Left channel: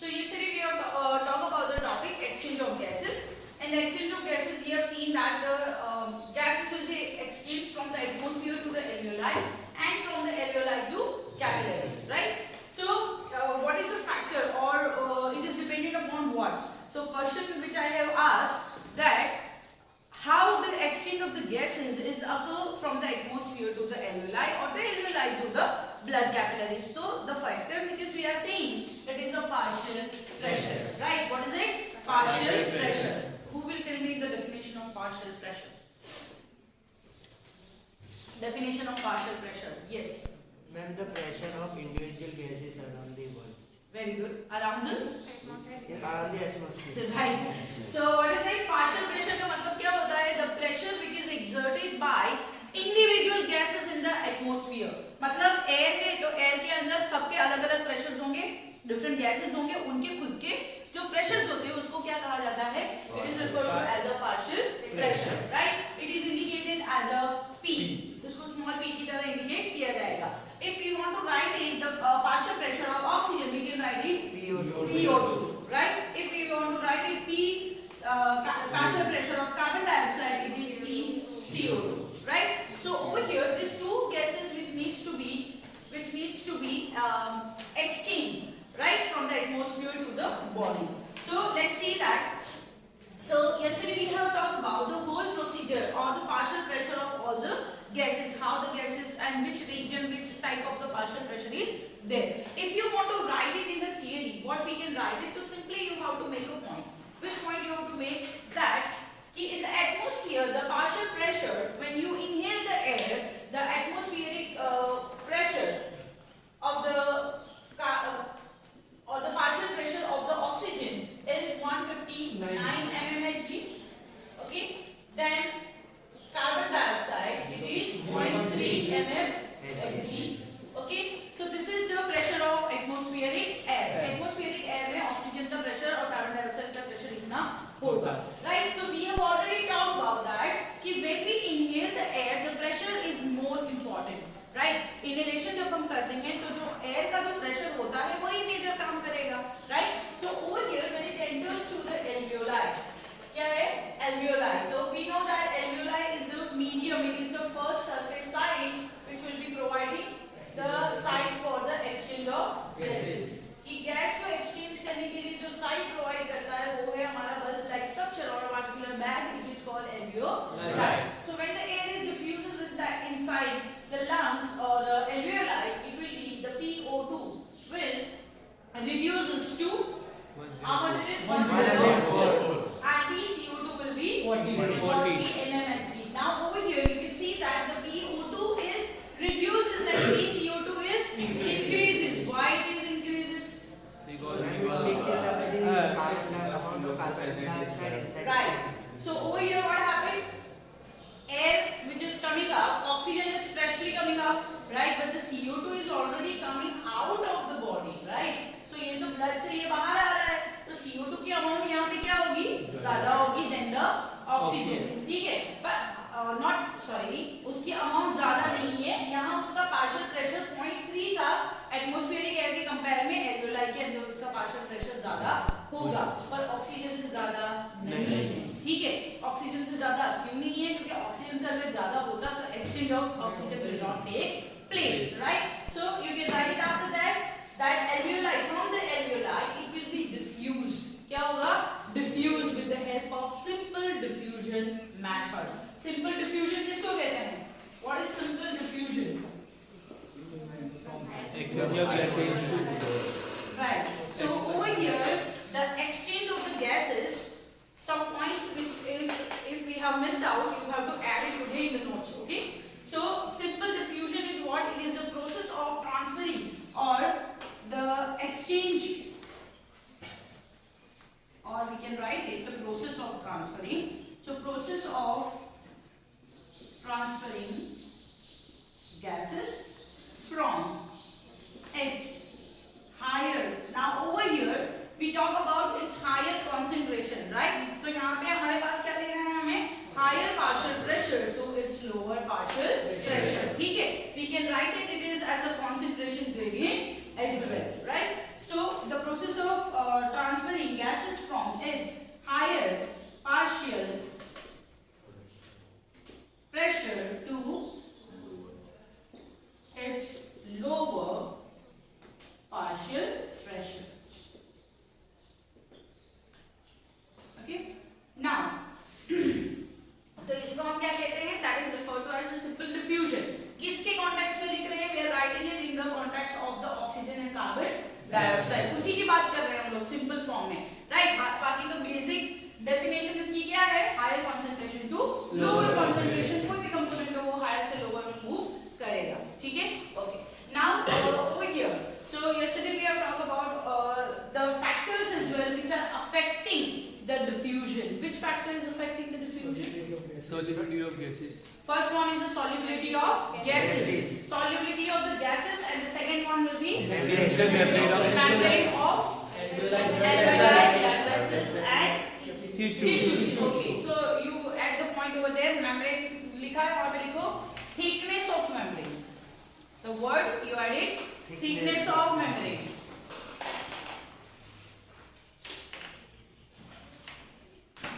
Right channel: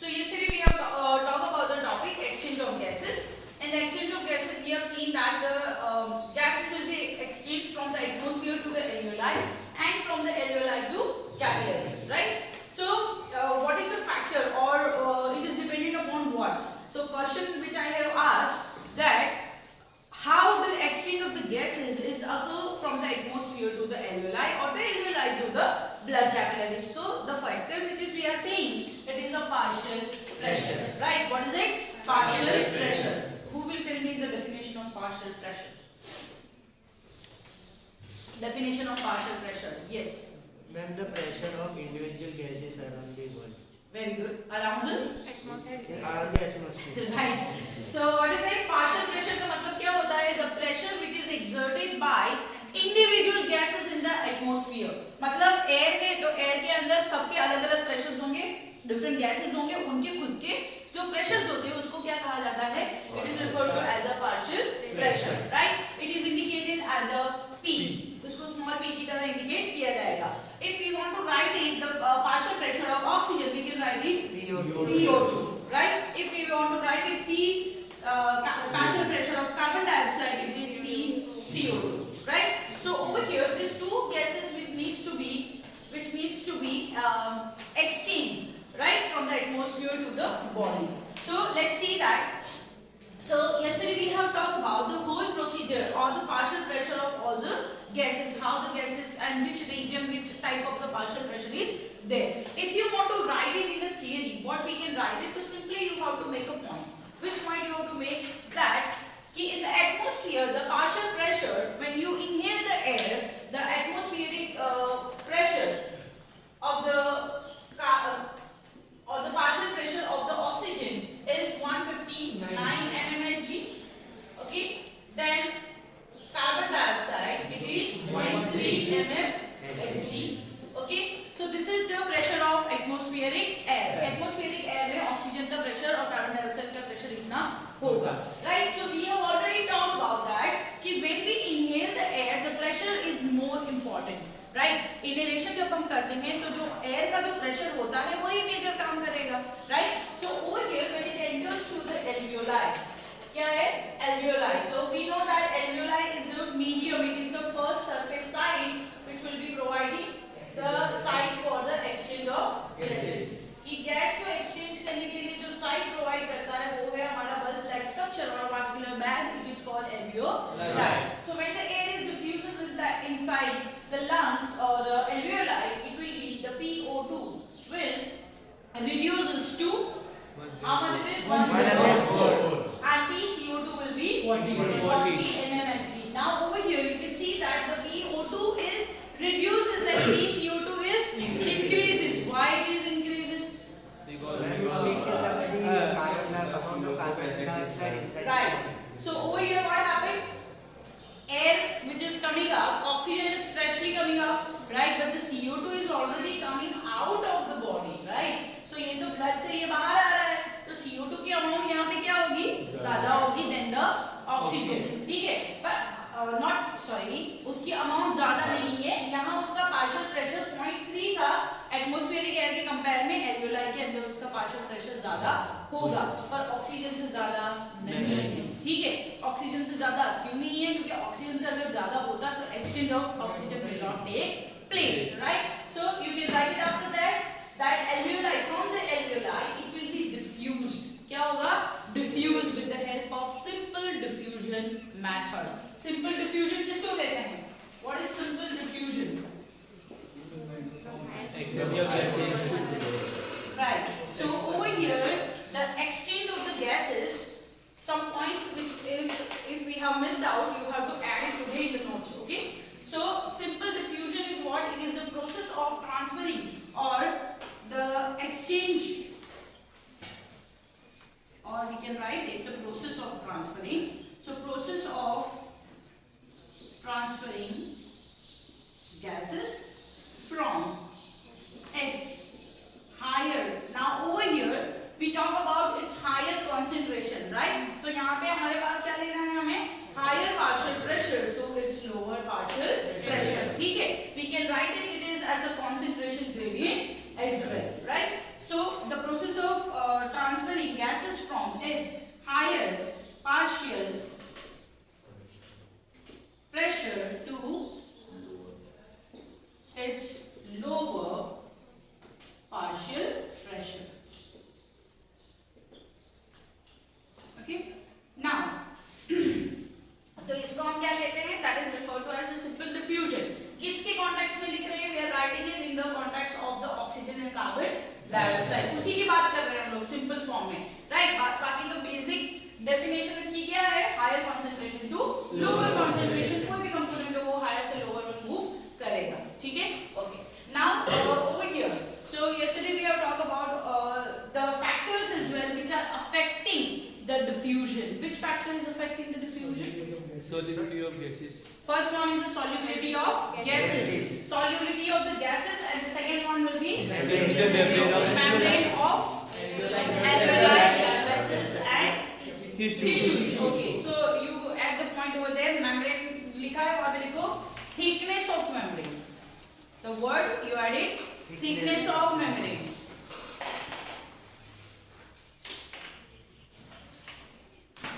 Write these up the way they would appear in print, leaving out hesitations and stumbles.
So yesterday we have talked about the topic exchange of gases. In the exchange of gases, we have seen that the gases will be exchanged from the atmosphere to the alveoli and from the alveoli to capillaries, right? So what is the factor, or it is dependent upon what? So question which I have asked, that how the exchange of the gases is occur from the atmosphere to the alveoli or the alveoli to the blood capillaries. So the factor which is we are saying, it is a partial pressure, right? What is it? Partial pressure. Who will tell me the definition of partial pressure? Definition of partial pressure. Yes. When the pressure of individual gases around the world. Very good. Around the atmosphere. Right. So what is it? Partial pressure का मतलब क्या होता है? The pressure which is exerted by individual gases in the atmosphere. मतलब air है तो air के अंदर सबके अलग-अलग pressures होंगे, different gases होंगे, उनके खुद के जो pressures होते हैं उसको क्या कहा जाता है? It is referred to as the partial pressure, right? It is indicated as a P. उसको small p की तरह indicate किया जाएगा. If we want to write it, the partial pressure of oxygen, we can write it PO2, right? If we want to write it partial pressure of carbon dioxide, it is PCO2, right? So over here, these two gases which needs to be exchanged, right, from the atmosphere to the body. So let's see that. So yesterday we have talked about the whole procedure or the partial pressure of all the gases, how the gases and which region, which type of the partial pressure is there. If you want to write it in a theory, what we can write it to, simply you have to make a point. Which point you have to make? That in the atmosphere, the partial pressure, when you inhale the air, the atmospheric pressure of the partial pressure of the oxygen is 159 mmHg. Okay. Then carbon dioxide, it is 0.3 mmHg. Okay. So this is the pressure of atmospheric air. Atmospheric air में oxygen का pressure और carbon dioxide का pressure इतना होगा. Right. So we have already talked about that कि when we inhale the air, the pressure is more important. Right inhalation जब हम करते हैं तो जो एयर का जो प्रेशर होता है वही मेजर काम करेगा. Right. So over here when it enters to the alveoli, क्या है एल्वियोलाई? तो we know that alveoli is the medium, it is the first surface side which will be providing the side for the exchange of gases. कि gas को exchange करने के लिए जो side provide करता है वो है हमारा बल्ब लाइक स्ट्रक्चर और vascular bag, it is called alveoli. So when the air is diffuses inside the lungs or the alveoli, it will be the PO2 will reduces to how much it is 104, and PCO2 will be 40 mmHg. Now over here you can see that the PO2 is reduces and PCO2 is increases. Why it is increases? Because it mixes up the amount of carbon dioxide inside. Right. So over here what happened? Air which is coming up, oxygen is freshly coming up, right? But the CO2 is already coming out of the body, right? So ये तो blood से ये बाहर आ रहा है, तो CO2 की amount यहाँ पे क्या होगी? ज़्यादा होगी than the oxygen, ठीक है? But उसकी amount ज़्यादा नहीं है. यहाँ उसका partial pressure 0.3 था, atmospheric air के compare में alveoli के अंदर उसका partial pressure ज़्यादा होगा, पर ऑक्सीजन से ज़्यादा नहीं है. ठीक है. ऑक्सीजन से ज़्यादा क्यों नहीं है? क्योंकि ऑक्सीजन से अगर ज़्यादा होता तो exchange of oxygen will not take place, right? So you can write it after that alveoli, from the alveoli it will be diffused. क्या होगा? Diffused with the help of simple diffusion method. Simple diffusion किसको कहते हैं? What is simple diffusion? Exchange of gases. Right. So over here, the exchange of the gases, some points which if we have missed out, you have to add it today in the notes. Okay. So simple diffusion is what? It is the process of transferring or the exchange, or we can write it the process of transferring. So process of transferring gases from its higher. Now over here we talk about its higher concentration, right? तो यहाँ पे हमारे पास क्या लेना है हमें? Higher partial pressure to its lower partial pressure. ठीक है? We can write it as a concentration gradient as well, right? So the process of cell, उसी की बात कर रहे हैं हम लोग सिंपल फॉर्म में, राइट। बाकी तो बेसिक डेफिनेशन इसकी क्या है, higher concentration to lower concentration, कोई भी कंपोनेंट हो वो हायर से लोअर में मूव करेगा, ठीक है। Okay, now over here, so yesterday we have talked about the factors as well which are affecting the diffusion. Which factor is affecting the diffusion? Solubility of gases. First one is the solubility of gases, solubility of the gases, and the second one will be membrane of alveoli, blood vessels and tissues. Okay, so you add the point over there, membrane लिखा है, और भी लिखो thickness of membrane. The word you added thickness of membrane.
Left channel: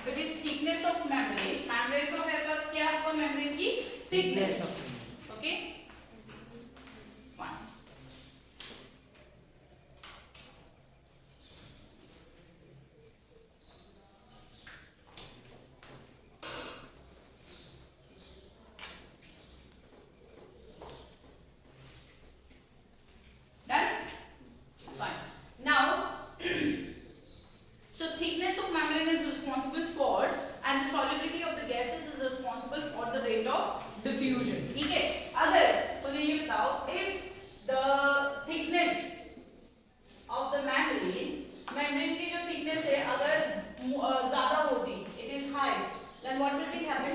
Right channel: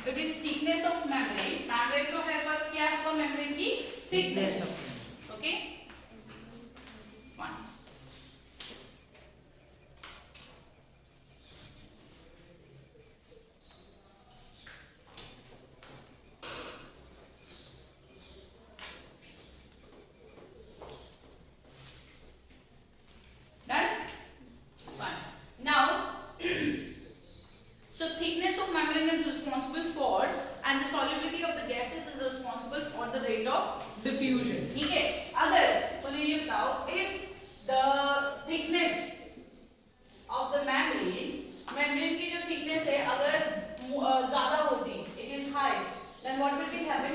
It is thickness of membrane. Membrane को क्या होगा, membrane की thickness. Okay, fine. Done? Fine. Now, so thickness of membrane is responsible for, and the solubility of the gases is responsible for the rate of diffusion. ठीक है, अगर मुझे ये बताओ, if the thickness of the membrane की जो thickness है अगर ज़्यादा होती, it is high, then what will be happen?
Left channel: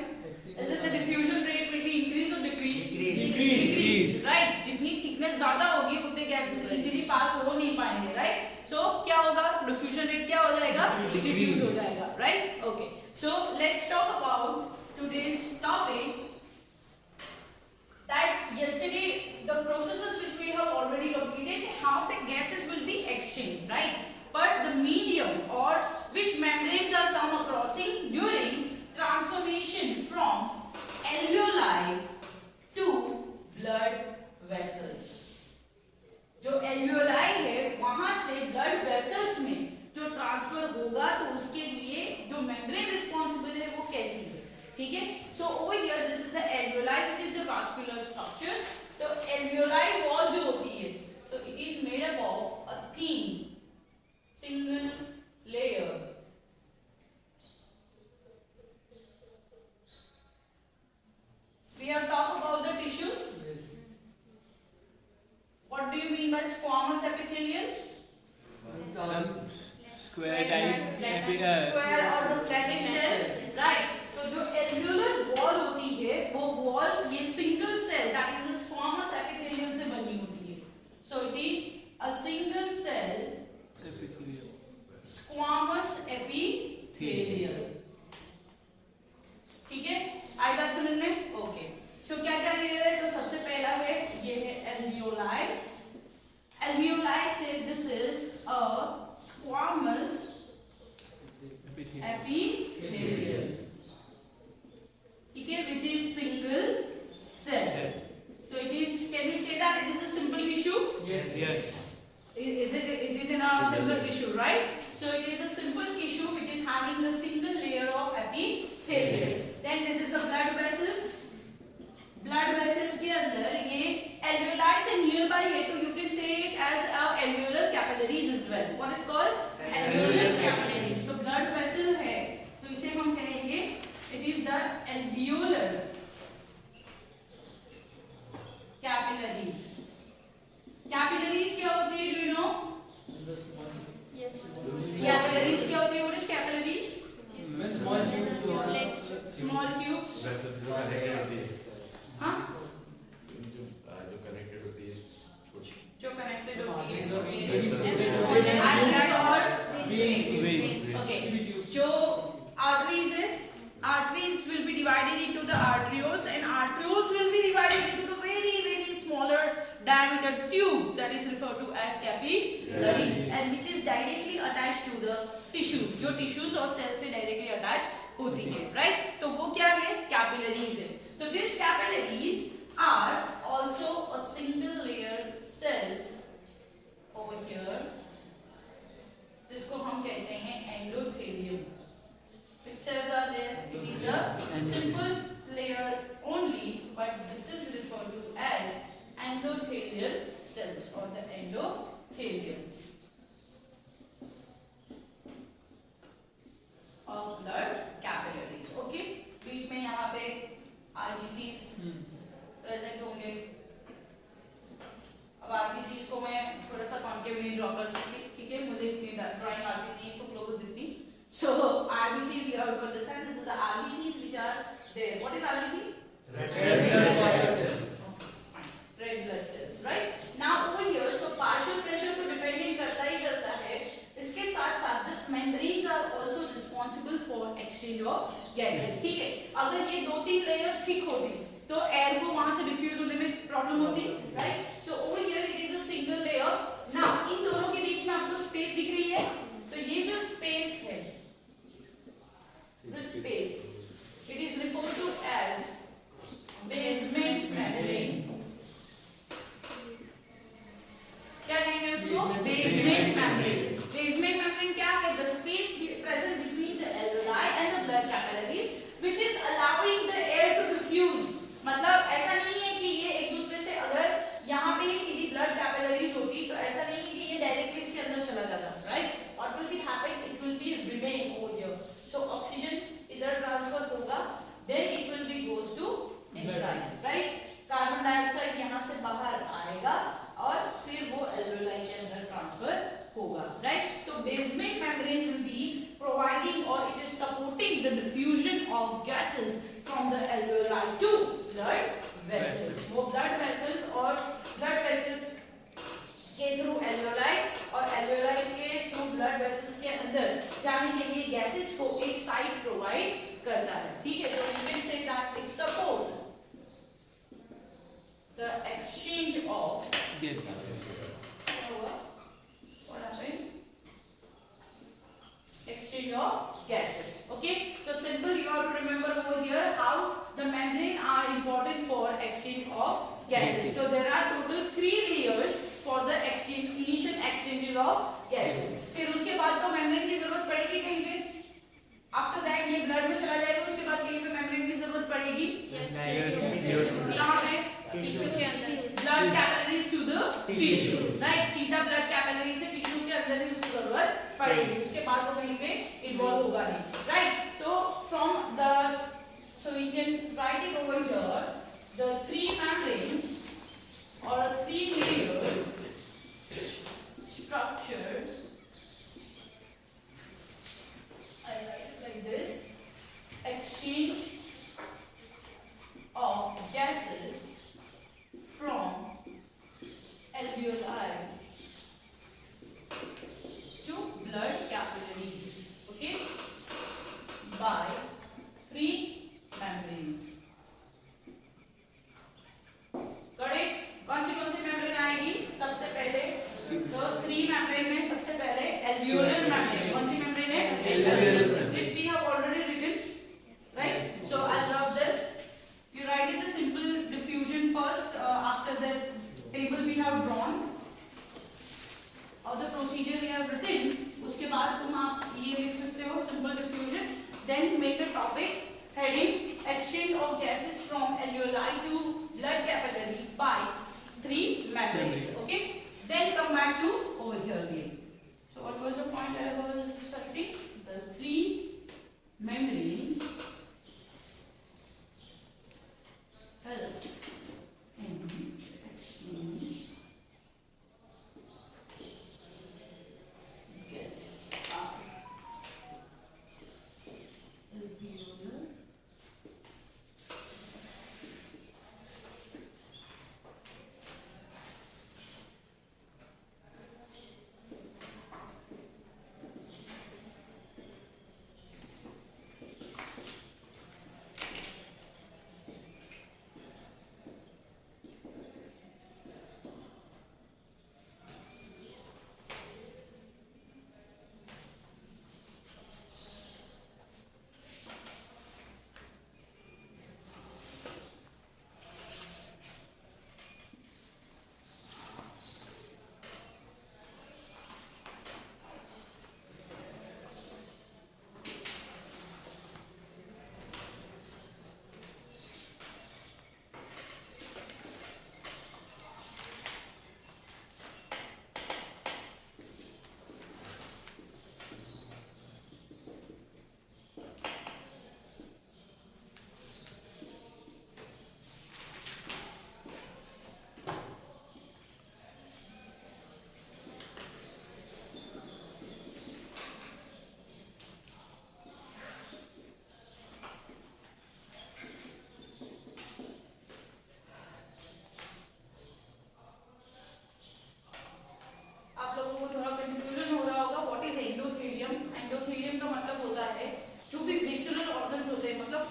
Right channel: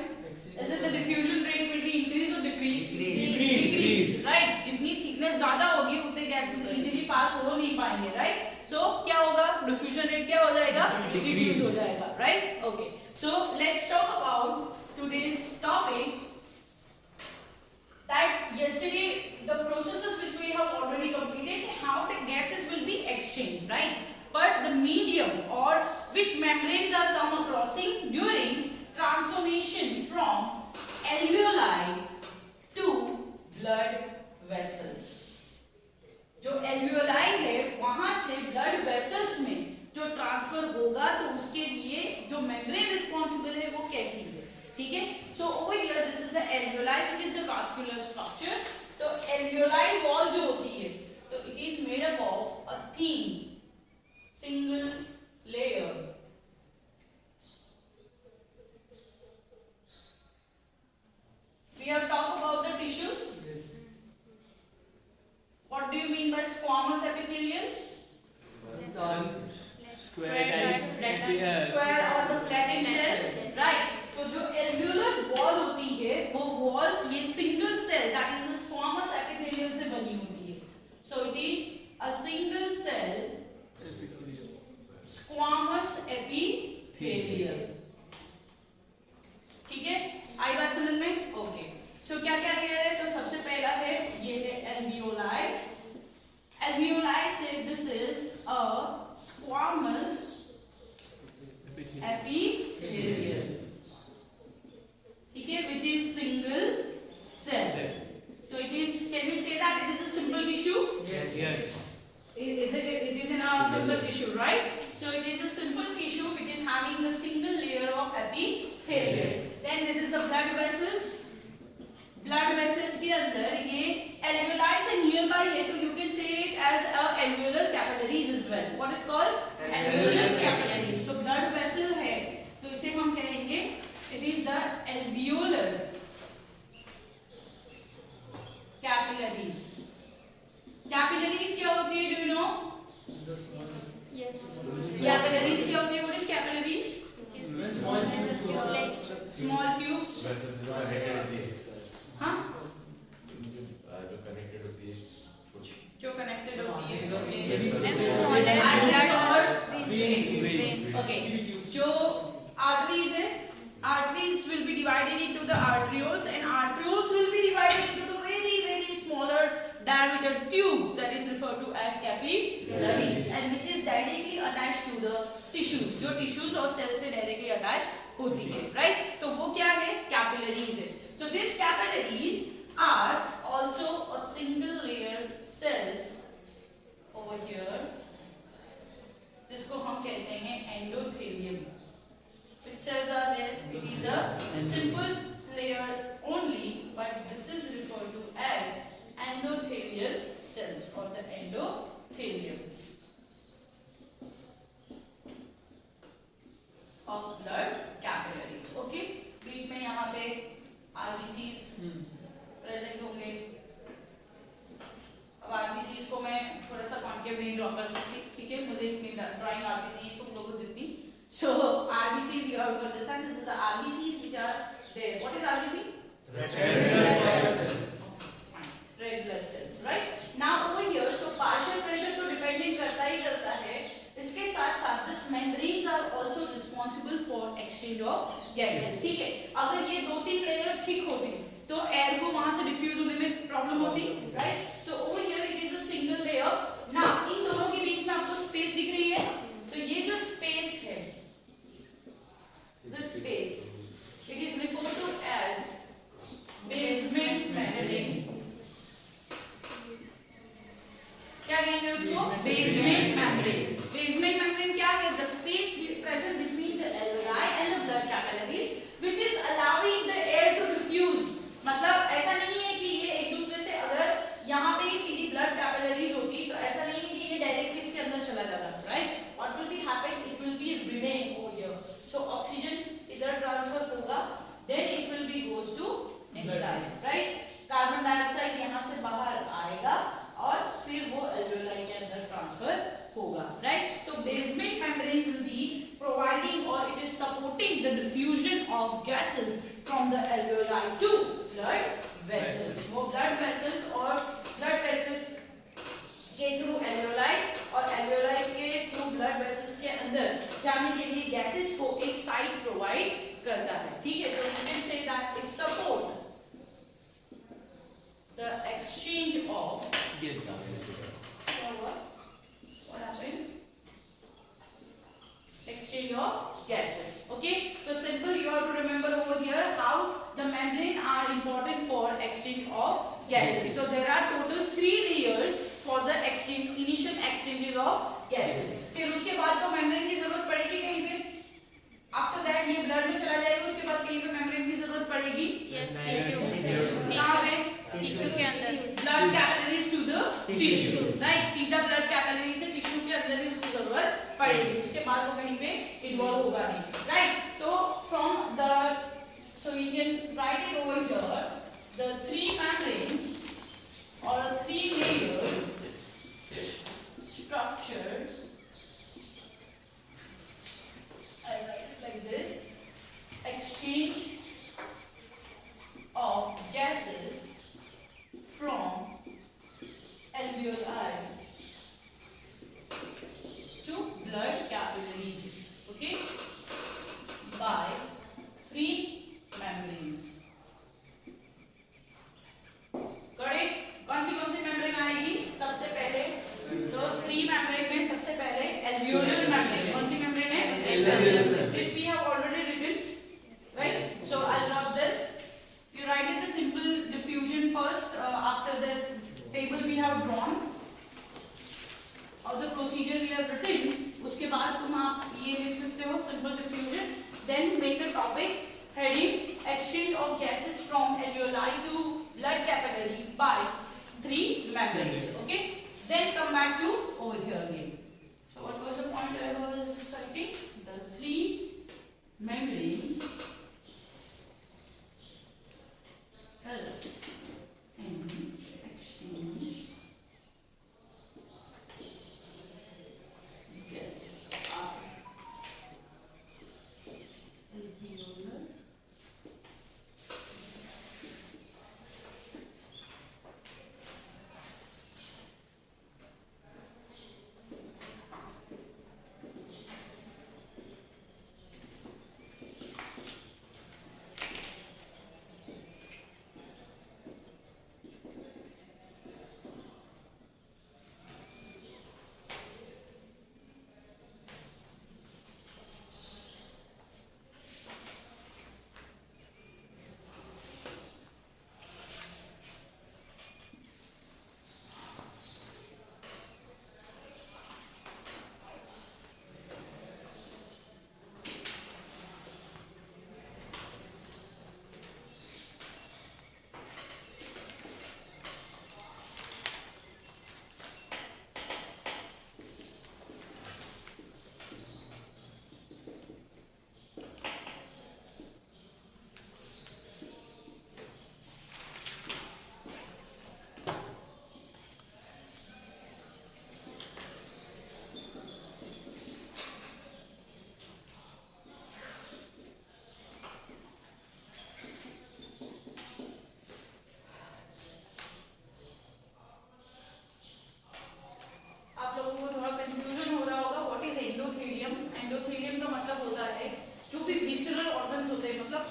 Is it the diffusion rate will be increase or decrease? Decrease, right? जितनी thickness ज़्यादा होगी उतने gases easily pass हो नहीं पाएंगे, right? So क्या होगा, diffusion rate क्या हो जाएगा, decrease हो जाएगा, right? Okay, so let's talk about today's topic. That yesterday the processes which we have already completed, how the gases will be exchanged, right? But the medium or which membranes are come acrossing during transformation from alveoli to blood vessels. जो alveoli है वहां से blood vessels में जो ट्रांसफर होगा, तो उसके लिए जो membrane responsible है वो कैसी है, ठीक है। So over here this is the alveoli which is the vascular structure. तो alveoli wall जो होती है, तो it is made up of a thin single layer. We have talked about the tissues. What do you mean by squamous epithelial? Square or the flattened cells, right? तो जो alveolar wall होती है वो wall ये single cell, that is the squamous epithelial से बनी होती है. So it is a single cell squamous epithelial. ठीक है, आई बात समझ में? ओके, सो क्या क्या ले रहे हैं, तो सबसे पहला है ये है alveoli. Alveoli से this is a squamous epithelial, ठीक है, which is single cell. So it is, can we say that it is a simple tissue? Yes. It is in a simple tissue, right? So it is a simple tissue which is having a single layer of epithelium. Then this is the blood vessels. Blood vessels के अंदर ये alveoli से nearby है, तो you can say it as a alveolar capillaries as well. What it called? Alveolar capillaries. तो blood vessel है, तो इसे हम कहेंगे it is the alveolar capillaries. Capillaries क्या होती है? Do you know? Yes. Capillaries क्या होती है? What is capillaries? Small tubes. हाँ? जो connected होती है. Okay. जो arteries है, arteries will be divided into the arterioles, and arterioles will be divided into the very smaller diameter tube that is referred to as capillaries, and which is directly attached to the tissues. जो tissues और cells से directly attached होती है, right? तो वो क्या है? Capillaries है. So these capillaries are also a single layer cells over here, जिसको हम कहते हैं endothelium. Pictures are there. It is a simple layer only, but this is referred to as endothelial cells or the endothelium. है, मुझे इतनी ड्राइंग आती नहीं है तुम लोगों को जितनी. So RBCs you have to understand, this is the RBCs which are there. What is RBC? Red blood cells, right? Now over here, so partial pressure तो depending करता ही करता है. इसके साथ साथ this membranes are also responsible for exchange of gases. ठीक है, अगर ये 2-3 लेयर ठीक होती तो एयर को वहां से डिफ्यूज होने में प्रॉब्लम होती, right? So over here it is a single layer. Now in दोनों के बीच में आपको स्पेस दिख रही है, तो ये जो स्पेस है, this space, it is referred to as basement membrane. क्या कहेंगे उसको? Basement membrane. बेसमेंट मेम्ब्रेन क्या है? The space present between the alveoli and the blood capillaries, which is allowing the air to diffuse. मतलब ऐसा नहीं है कि ये एक दूसरे से, अगर यहाँ पे ये सीधी ब्लड कैपिलरीज होती तो ऐसा नहीं है कि ये डायरेक्टली इसके अंदर चला जाता, right? What will be happen? It will be remain over here. So oxygen इधर ट्रांसफर होगा, then it will be goes to inside, right? Carbon dioxide यहाँ से बाहर आएगा और फिर वो एल्वेओलाई के अंदर ट्रांसफर होगा, राइट? तो basement membrane will be providing और it is supporting the diffusion of gases from the alveoli to blood vessels. वो ब्लड वेसल्स और ब्लड वेसल्स के थ्रू एल्वेओलाई और एल्वेओलाई के थ्रू ब्लड वेसल्स के अंदर जाने के लिए गैसेस को एक साइड प्रोवाइड करता है, ठीक है? तो you can say that it support the exchange of what happened? Exchange of gases. Okay, so simple, you have to remember over here how the membrane are important for exchange of gases. So there are total 3 layers for the exchange, initial exchange of gases. फिर उसके बाद तो membrane की जरूरत पड़ेगी कहीं पे. After that ये blood में चला जाएगा, उसके बाद कहीं पे membrane की जरूरत पड़ेगी. कहाँ पे? Blood capillaries to the tissue, right? सीधा ब्लड कैपिलरी से टिश्यू के अंदर ही उसको जरूरत पड़ेगी, उसके बाद वो कहीं पे इन्वॉल्व होगा नहीं, राइट? तो from the, so you can write it over here, the 3 membranes or 3 layer structure, I write it like this: exchange of gases from alveoli to blood capillaries, okay, by 3 membranes. Correct? कौन सी मेम्ब्रेन आएगी सबसे पहले? तो 3 मेम्ब्रेन में सबसे पहले alveolar membrane. कौन सी मेम्ब्रेन है? alveolar. This we have already written, right? So I'll drop this. You write it the simple diffusion first, after the table we have drawn or the procedure we have written. उसके बाद तुम आप ये लिख सकते हो simple diffusion. Then make a topic heading exchange of gases from alveoli to blood capillary by 3 membranes. Okay. Then come back to over here again. So what was the point I was writing? The 3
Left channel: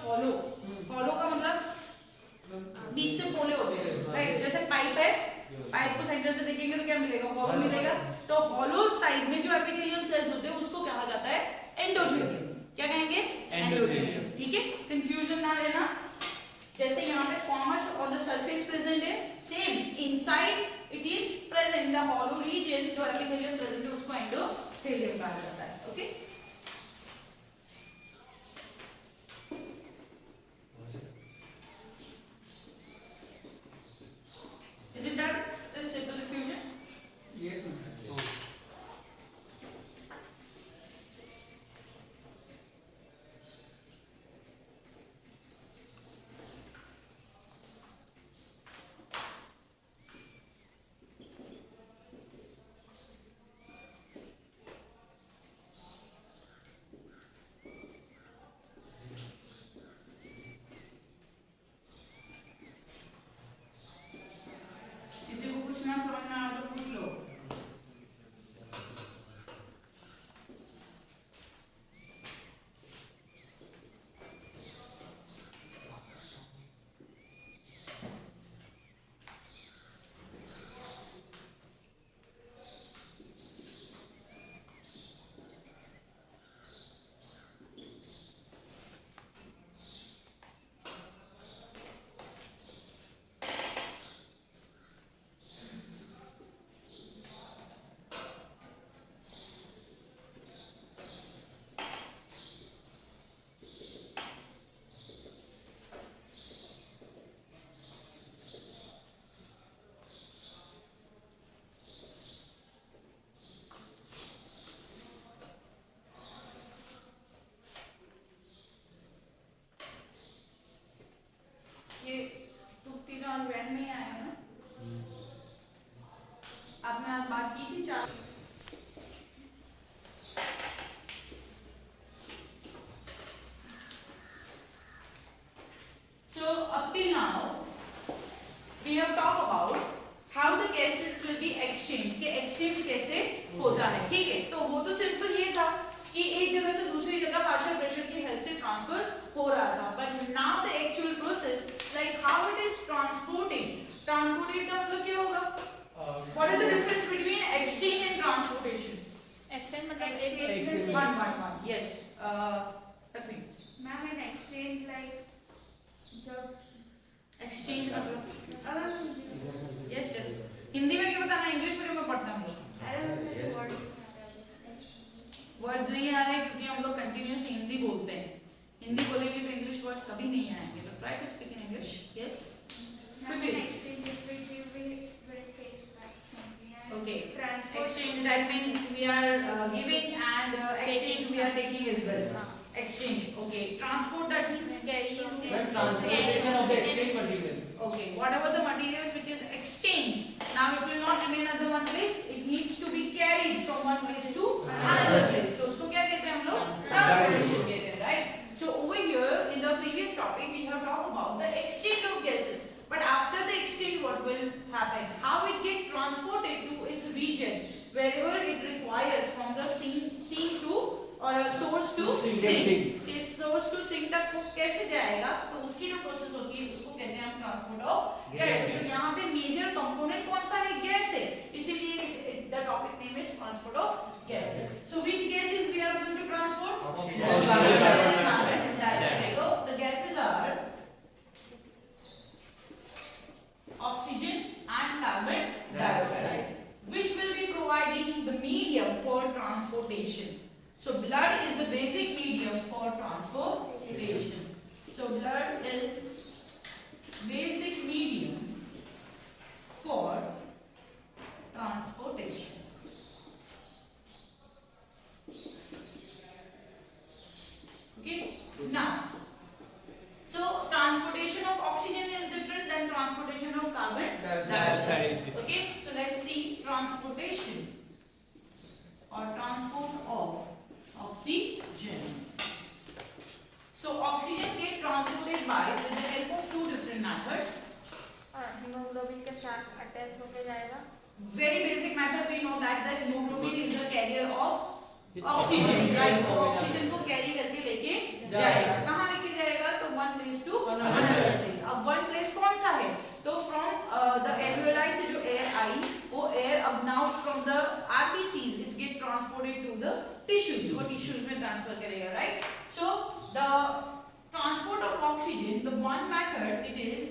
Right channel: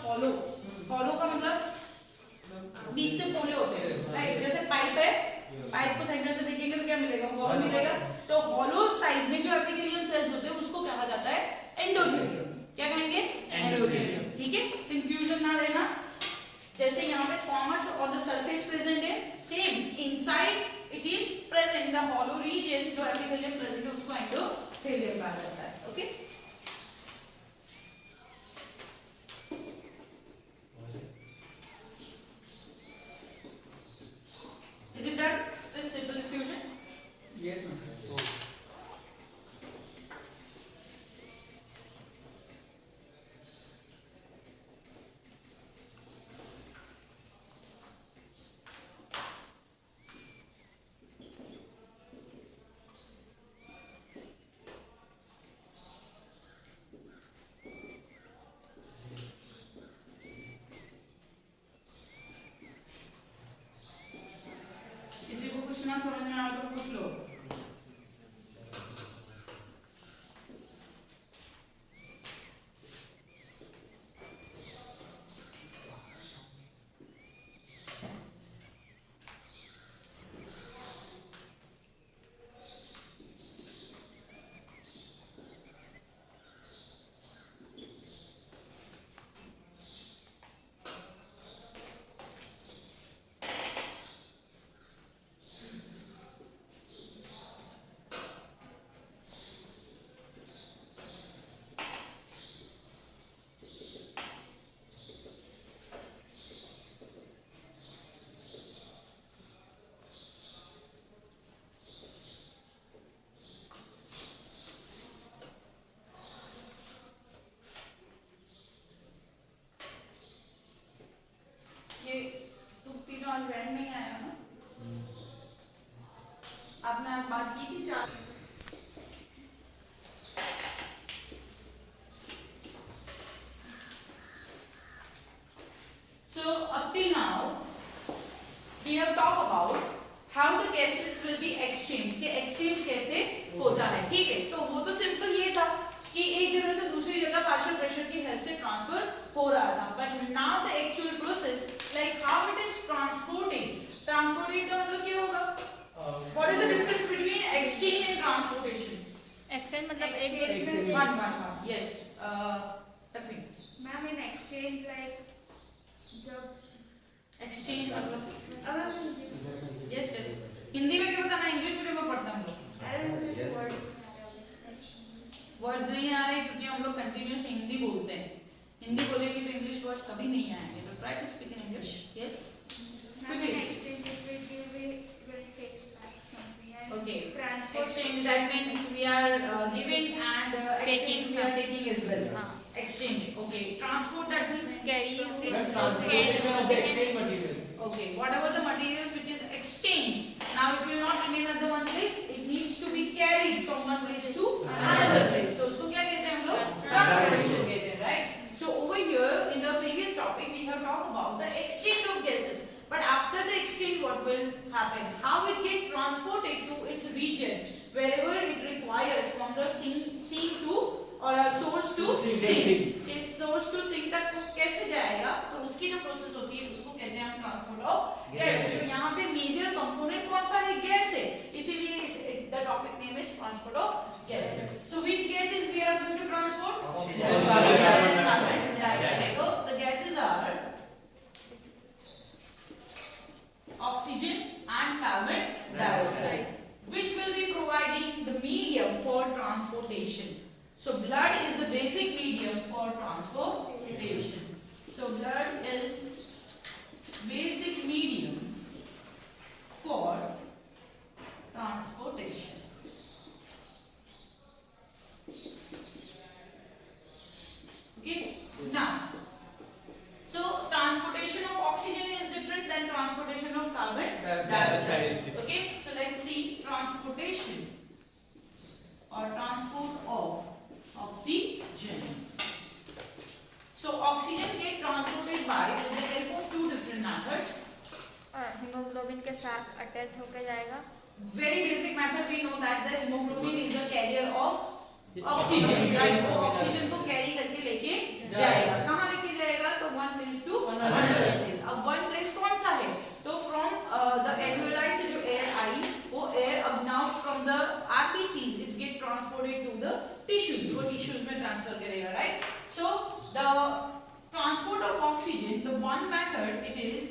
hollow, hollow का मतलब बीच से पोले होते हैं, राइट? जैसे पाइप है, पाइप को सेंटर से देखेंगे तो क्या मिलेगा? हॉलो मिलेगा। तो हॉलो साइड में जो एपिथेलियल सेल्स होते हैं उसको कहा जाता है एंडोथेलियम। क्या कहेंगे? एंडोथेलियम। ठीक है, कंफ्यूजन ना लेना। जैसे यहाँ पे squamous on the surface present है, same inside it is present in the hollow region, जो एपिथेलियम प्रेजेंट है उसको एंडोथेलियम कहा जाता है। Okay, is it done? This simple diffusion? Yes, ma'am. किसी को कुछ ना समझ में आए तो पूछ लो। ये तुक्ति का बैंड में आया ना? आपने आज बात की थी चार। So up till now we have talked about how the gases will be exchanged, कि exchange कैसे होता है। ठीक है, तो वो तो सिंपल ये था कि एक जगह से दूसरी जगह पार्शियल प्रेशर की हेल्प से ट्रांसफर हो रहा था। But now the actual process, like how it is transporting. Transporting का मतलब क्या होगा? What is the difference between exchange and transportation? Exchange मतलब एक वन यस तकरीबन। मैम इन एक्सचेंज लाइक जब एक्सचेंज मतलब अब यस यस, हिंदी में क्या पता, मैं इंग्लिश मीडियम में पढ़ता हूँ। वर्ड्स नहीं आ रहे क्योंकि हम लोग कंटिन्यूस हिंदी बोलते हैं। हिंदी बोलेंगे तो इंग्लिश वर्ड्स कभी नहीं आएंगे। But try to speak in English. Yes, okay, exchange, that means we are giving and exchange we are taking as well. Exchange, okay. Transport, that means Transportation of the exchange material. okay, whatever the materials which is exchanged, now it will not remain at the one place, it needs to be carried from one place to another place. So उसको क्या कहते हैं हम लोग? Transportation कहते हैं, right? So over here in the previous topic we have talked about the exchange of gases. But after the exchange, what will happen? How it get transported to its region, wherever it requires, from the sink to or source to sink. इस source to sink तक वो कैसे जाएगा? तो उसकी जो प्रोसेस होती है उसको कहते हैं हम ट्रांसपोर्ट ऑफ गैस। तो यहाँ पे मेजर कंपोनेंट कौन सा है? गैस है, इसीलिए the topic name is transport of gas. So which gases we are going to transport? Oxygen, carbon dioxide. So the gases are oxygen and carbon dioxide, which will be providing the medium for transportation. So blood is the basic medium for transportation. So blood is basic medium for transportation. Okay, now so transportation of oxygen is different than transportation of carbon dioxide. Okay, so let's see transportation or transport of oxygen. So oxygen get transported by with the help of two different methods. Haemoglobin के साथ अटैच होकर जाएगा। Very basic method, we know that the hemoglobin is the carrier of oxygen, right? वो oxygen को carry करके लेके जाएगा। कहाँ लेके जाएगा? तो द एल्वियोलाई से जो एयर आई वो एयर अब now from the RBCs it get transported to the tissues, वो टिश्यूज में ट्रांसफर करेगा, right. So the transport of oxygen, the one method it is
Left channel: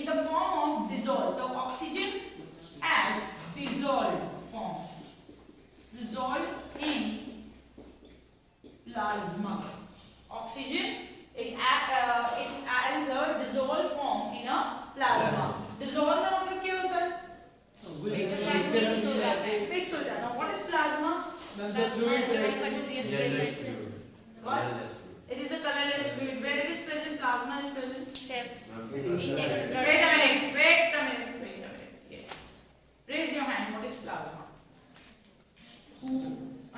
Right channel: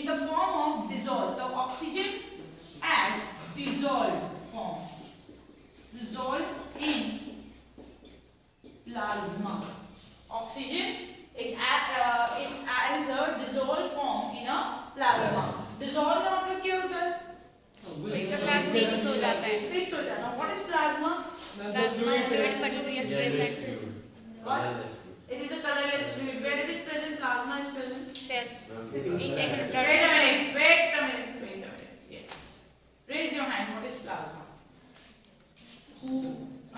in the form of dissolve, the oxygen as dissolved form, dissolved in plasma. Oxygen it as a dissolved form in a plasma. Dissolve का मतलब क्या होता है? Mix हो जाना. What is plasma? What? It is a colorless fluid. Where it is present, plasma is present. Wait a minute. Yes. Raise your hand. What is plasma? Who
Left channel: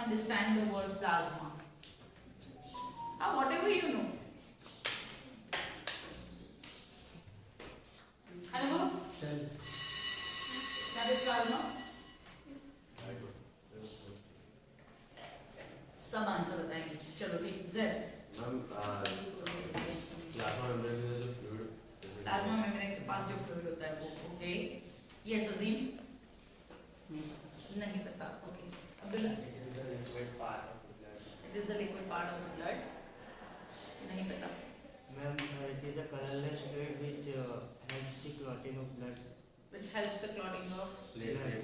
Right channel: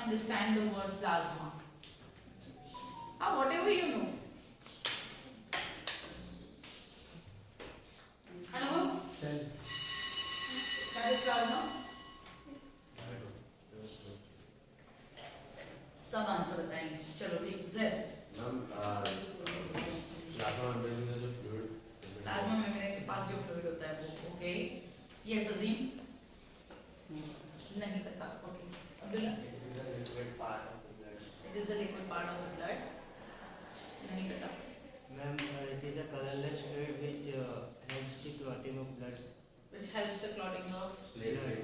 understand the word plasma? Whatever you know. Anubhav? Cell. That is plasma. सब आंसर बताएंगे. चलो ठीक. Z. Plasma membrane के पास जो फ्लूइड होता है वो. Okay. Yes अजीम. नहीं पता. ओके. Abdullah. It is the liquid part of the blood. नहीं पता. Ma'am, it is a colorless fluid which helps the clotting of blood. Which helps the clotting of Blood.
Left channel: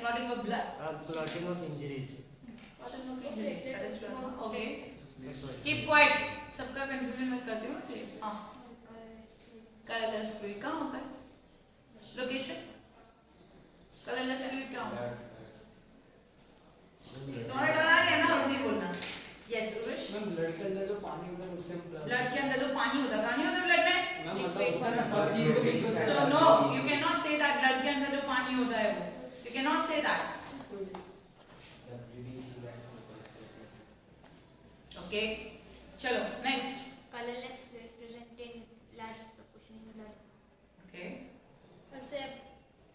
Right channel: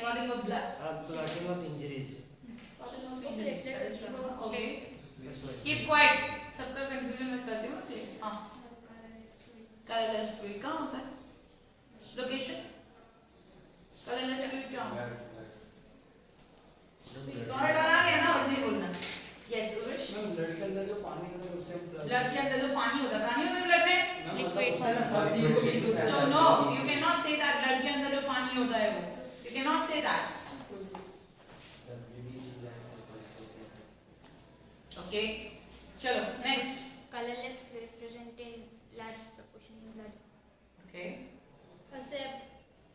clotting of blood. Clotting of injuries. Clotting of blood. Okay. That's why. Keep quiet. सबका confusion मत करते हो मुझे. हाँ. Colorless fluid कहाँ होता है? Location. Colorless fluid कहाँ होता है? तुम्हारा डरा गया ना और नहीं बोलना. Yes, Urush. ब्लड के अंदर जो पानी होता है उससे ब्लड के अंदर जो पानी होता है ब्लड में. Liquid. So no, you cannot say that blood के अंदर जो पानी होता है वो. You cannot say that. Okay. चलो next. Colorless fluid present in large proportion in blood. Okay. A sap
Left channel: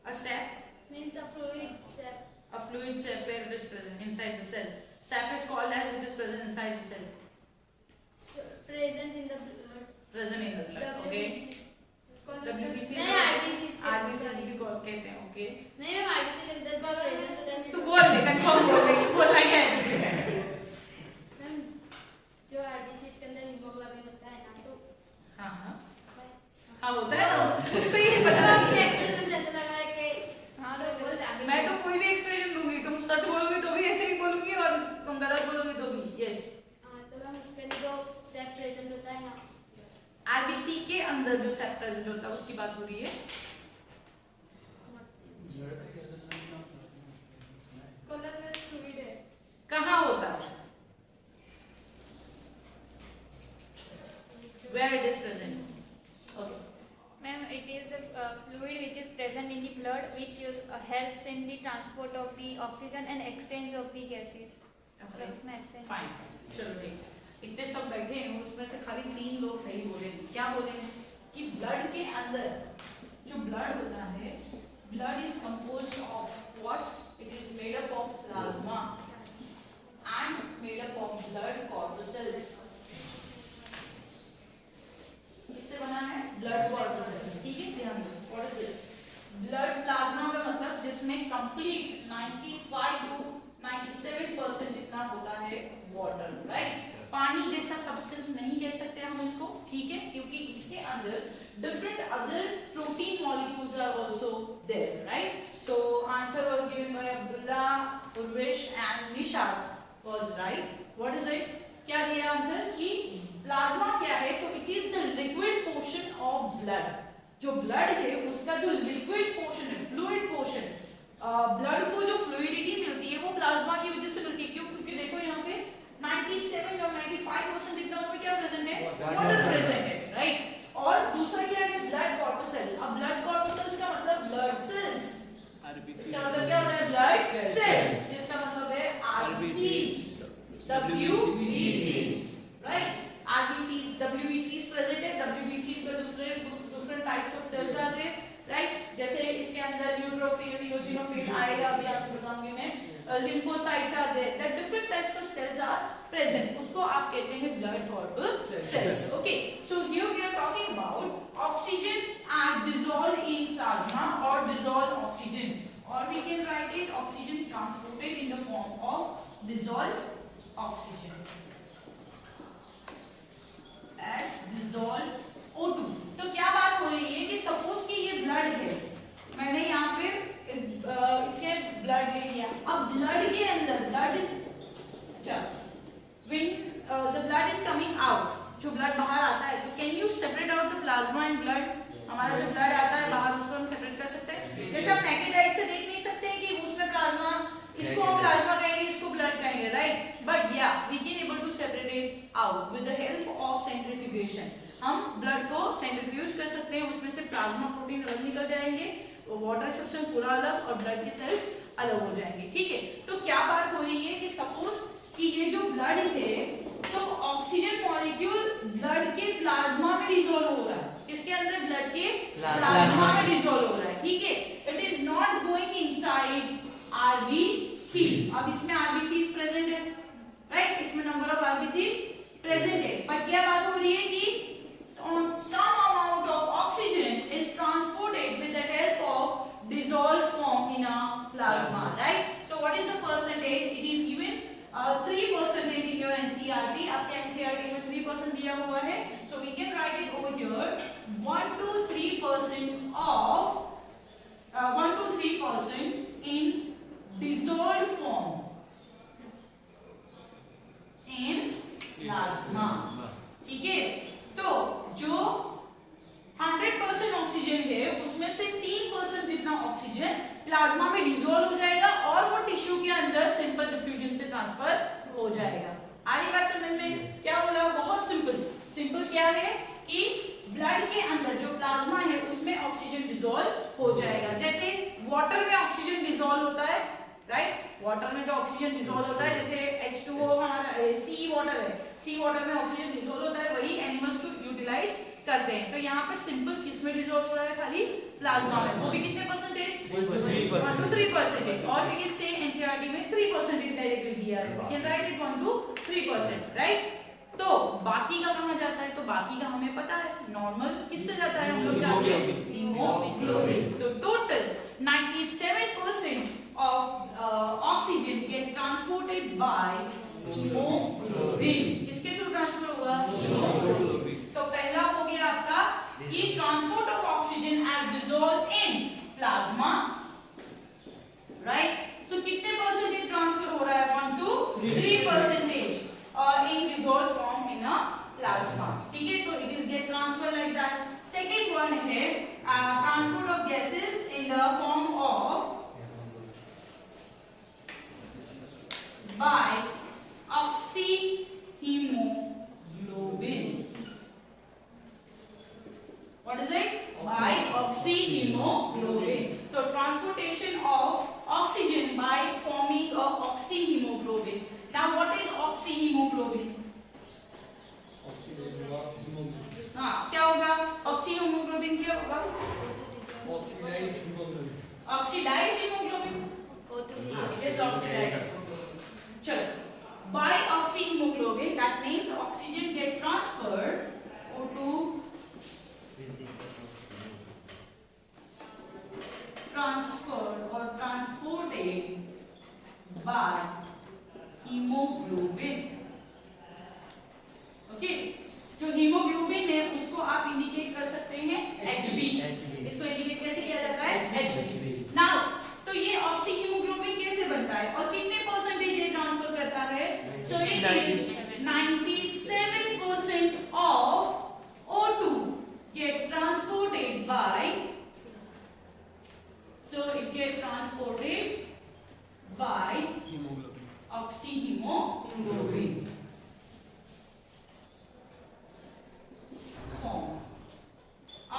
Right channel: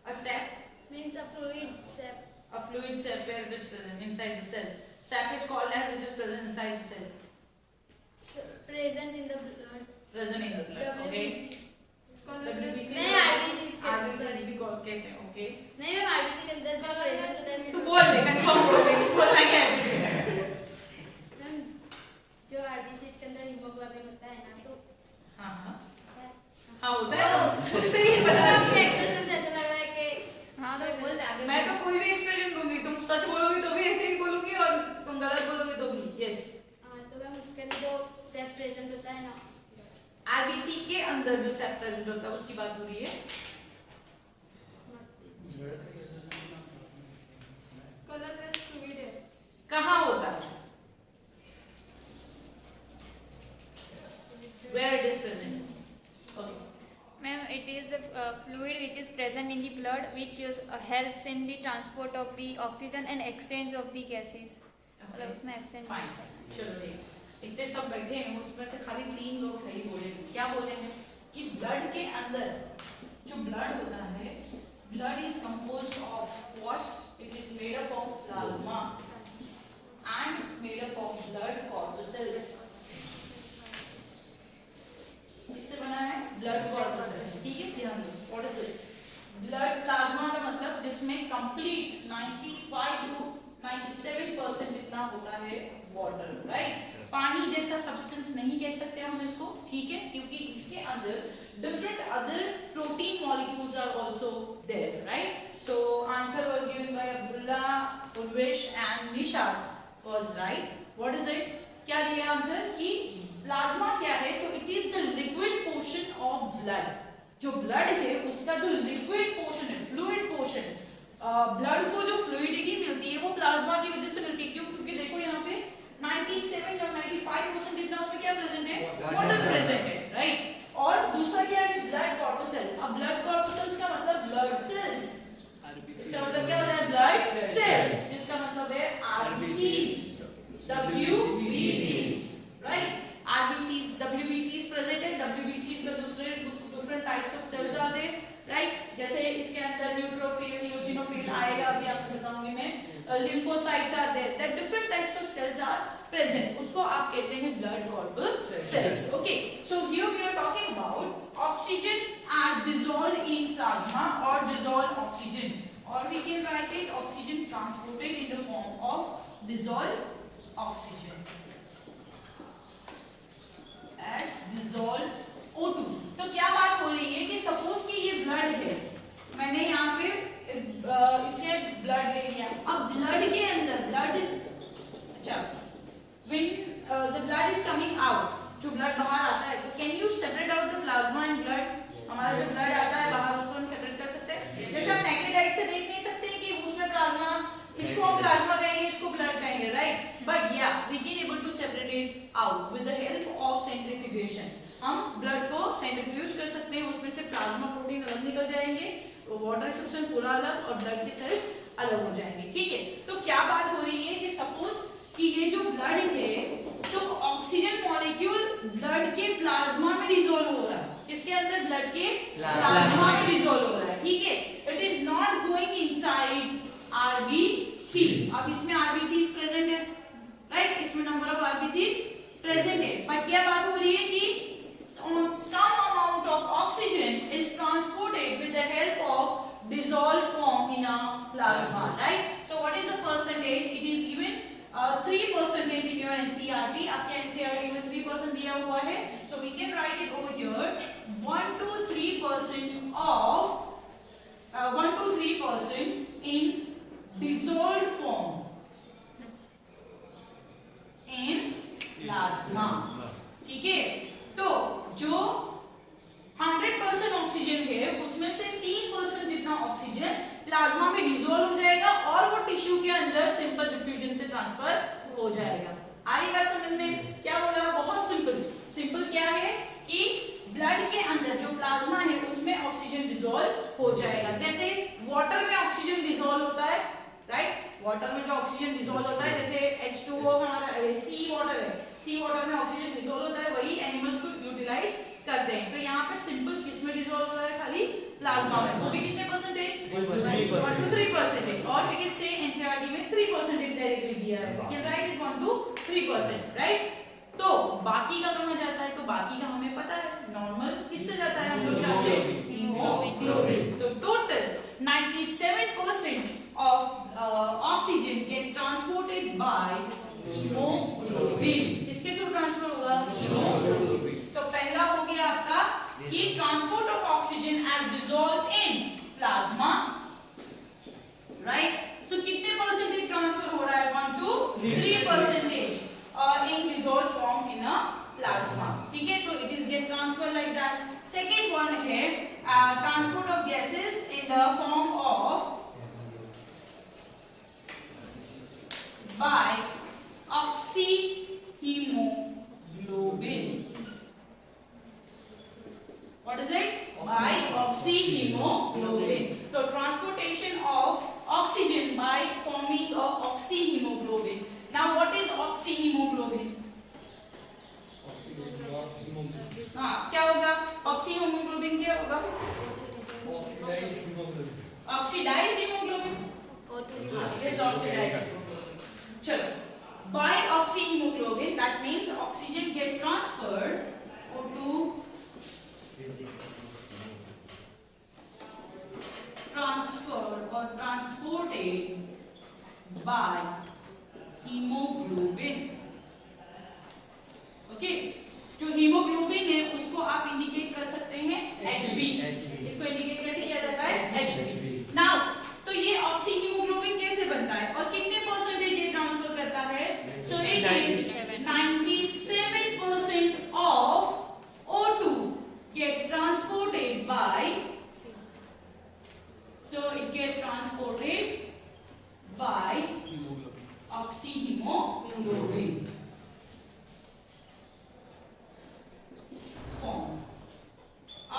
A sap. means a fluid sap. A fluid sap where it is present inside the cell. Sap is called as which is present inside the cell. Present in the blood. Present in the blood. Okay. WBC. नहीं RBC के RBC भी कहते हैं. Okay. नहीं ma'am RBC के अंदर जो present होता है. तू बोल दे कंफर्म बोल दे. बोलना क्या है? मैम जो RBC के अंदर हीमोग्लोबिन होता है ना तो हाँ हाँ हाँ होता है. सही तो है. आपके एक्सप्रेशन से ऐसा लग रहा है कि हाँ तो बोल रहा मैं तो कोई भी एक्सप्रेशन दूंगी. तुम सच बोलोगे तो भी ऐसे ही बोलूंगी और तुम गलत बोलोगे तो भी. यस. हाँ तो मैम इसके लिए जो सेप प्रेजेंट होता है ना आरबीसी के अंदर जो सेप प्रेजेंट होता है उसकी बात हो रही है. कलरलेस फ्लूइड है. कहाँ होता है? Where it is present? Okay. Ma'am, it is a fluid which is present in the blood which helps in the transport of the oxygen and exchange of the gases. तो इसमें exchange. Fine. चलो ठीक. इतने सब बैठे हैं उसमें से खाली 3 लोग सही बोले. क्या बोले हैं कि ब्लड के अंदर जो ब्लड होता है, blood is composed of what? It is made up of plasma and made up of blood corpuscles. इससे बना है ब्लड कॉर्पस्कल्स. ठीक है, ध्यान दो. What is it? Blood plasma का मतलब जिसमें कंप्लीट 95 to 97% इतना होता है वाटर, राइट? पानी जैसा सब्सटेंस नहीं कह सकते हम इसको. ठीक है, क्योंकि इसके अंदर different other protein molecules are also there, right? So answer was given by Abdullah, Urvesh and Nishad was right. What is it? क्या दिया आंसर कि प्लाज्मा क्या है? तो it is the liquid portion of blood. जो ब्लड है उसका जो लिक्विड पोर्शन है, फ्लूइड पोर्शन, ब्लड को जो फ्लूइडिटी मिलती है वो प्लाज्मा की वजह से मिलती है. क्यों? क्योंकि देखो यहाँ पे 97 और 95% जितना उसमें क्या प्रेजेंट है? वाटर प्रेजेंट है, राइट? और दूसरा क्या है? ब्लड कॉर्पस्कल्स. अब ब्लड कॉर्पस्कल्स का मतलब ब्लड सेल्स. इसका मतलब क्या होता है? ब्लड सेल्स, जिसका मतलब है आरबीसीज, डब्ल्यूबीसीज, राइट? आरबीसीज, डब्ल्यूबीसीज प्रेजेंट है. डब्ल्यूबीसीज में दूसरे डिफरेंट टाइप्स ऑफ सेल्स आते हैं, राइट? जैसे इसके अंदर न्यूट्रोफिल, न्यूट्रिनोफिल आएगा, अभी आपको बताऊंगी मैं. lymphocytes are there, that different types of cells are present, उसको आप कहते हैं blood corpuscles. Okay, so here we are talking about oxygen as dissolved in plasma or dissolved oxygen, or we can write it oxygen transported in the form of dissolved oxygen as dissolved O2. तो क्या बात हो रही है कि सपोज कि ये ब्लड है, मैंने यहाँ पे इससे ब्लड ले लिया, अब ब्लड के अंदर ब्लड, अच्छा, when the blood is coming out, जो ब्लड बाहर आता है, तो can you separate out the plasma and blood? हमारा जो ब्लड आता है बाहर उसको हम सेपरेट कर सकते हैं, जैसे हम नेकेड आई से देख नहीं सकते हैं कि उसमें प्लाज्मा, इसको हम प्लाज्मा कहेंगे, इसको ब्लड कहेंगे, राइट? बट या we can able to separate it out with the help of centrifugation. हम ब्लड को सेंट्रीफ्यूज कर सकते हैं, उसमें से प्लाज्मा प्रोटीन अलग निकल जाएंगे, वाटर सब्सटेंस पूरा अलग और ब्लड की सेल्स अलग हो जाएंगे. ठीक है, तो क्या बात हो रही है कि सपोज कि ये जो ब्लड है, तो ऑक्सीजन मॉलिक्यूल ब्लड के प्लाज्मा में डिसॉल्व हो रहा है, किसके अंदर? ब्लड के प्लाज्मा में डिसॉल्व हो रहा है. ठीक है, it is not going inside RBC. अब इसमें आरबीसी प्रेजेंट है, राइट? इसमें नंबर ऑफ आरबीसी प्रेजेंट है, बट क्या बात हो रही है कि some amount of oxygen is transported with the help of dissolved form in a plasma, right? So what is the percentage? It is given 3% in your NCERT. आपके NCERT में 3% दिया हुआ है, so we can write it over here. 1 to 3% of 1 to 3% in dissolved form in plasma. ठीक है, तो जो 100% ऑक्सीजन है उसमें से 3% जितना ऑक्सीजन प्लाज्मा में डिसॉल्व हो जाएगा और वो टिश्यू के अंदर सिंपल डिफ्यूजन से ट्रांसफर हो जाएगा. आ रही बात समझ में? क्या बोला? बहुत सिंपल. सिंपल क्या है कि ब्लड के अंदर जो प्लाज्मा है उसमें ऑक्सीजन डिसॉल्व हो जाएगा, जैसे वाटर में ऑक्सीजन डिसॉल्व होता है, राइट? वाटर में जो ऑक्सीजन डिसॉल्व होता है, जैसे H2O हमारा सी वाटर है, सी वाटर में ऑक्सीजन डिसॉल्व होता है, वही एनिमल्स को यूटिलाइज करते हैं. तो यहाँ पे सिंपल किसमें डिसॉल्व हो रहा है? खाली प्लाज्मा में. वो भी कितने परसेंटेज? 1 to 3%. और we can say NCERT में 3% डायरेक्टली दिया है, we can write it 1 to 3%, राइट? तो बाकी का कहाँ जाता है? तो बाकी का हमें पता है, नॉर्मल किससे जाता है? हम लोग जानते हैं, हीमोग्लोबिन. तो total 97% of oxygen get transported by haemoglobin. किसके थ्रू ट्रांसफर होगा? हीमोग्लोबिन. तो पहला हो गया आपका कि transport of oxygen as dissolve in plasma, right? So कितने परसेंटेज ट्रांसफर हो रहा है? 1 to 3% और in dissolve form in a plasma. ठीक है, तो it is get transfer like that. Second one है transport of gases in the form of by oxyhemoglobin. What is it? By oxyhemoglobin. So transportation of oxygen by forming of oxyhemoglobin. Now what is oxyhemoglobin? हाँ, क्या होगा? oxyhemoglobin क्या होगा? Oxidized hemoglobin. Oxidized hemoglobin. It is oxidized. चलो, by oxyhemoglobin, that means oxygen get transferred O2 transferred or transported by hemoglobin. Okay, जो हीमोग्लोबिन है उसको आप इंडिकेट कर सकते हैं Hb. इसको इंडिकेट कैसे किया जाता है? Hb. नाउ तो ये ऑक्सी हीमोग्लोबिन कैसे बनता है और कितने परसेंटेज ये ट्रांसफर करता है? So it is 97% of O2 get transported by, so it gets transported by oxyhemoglobin form.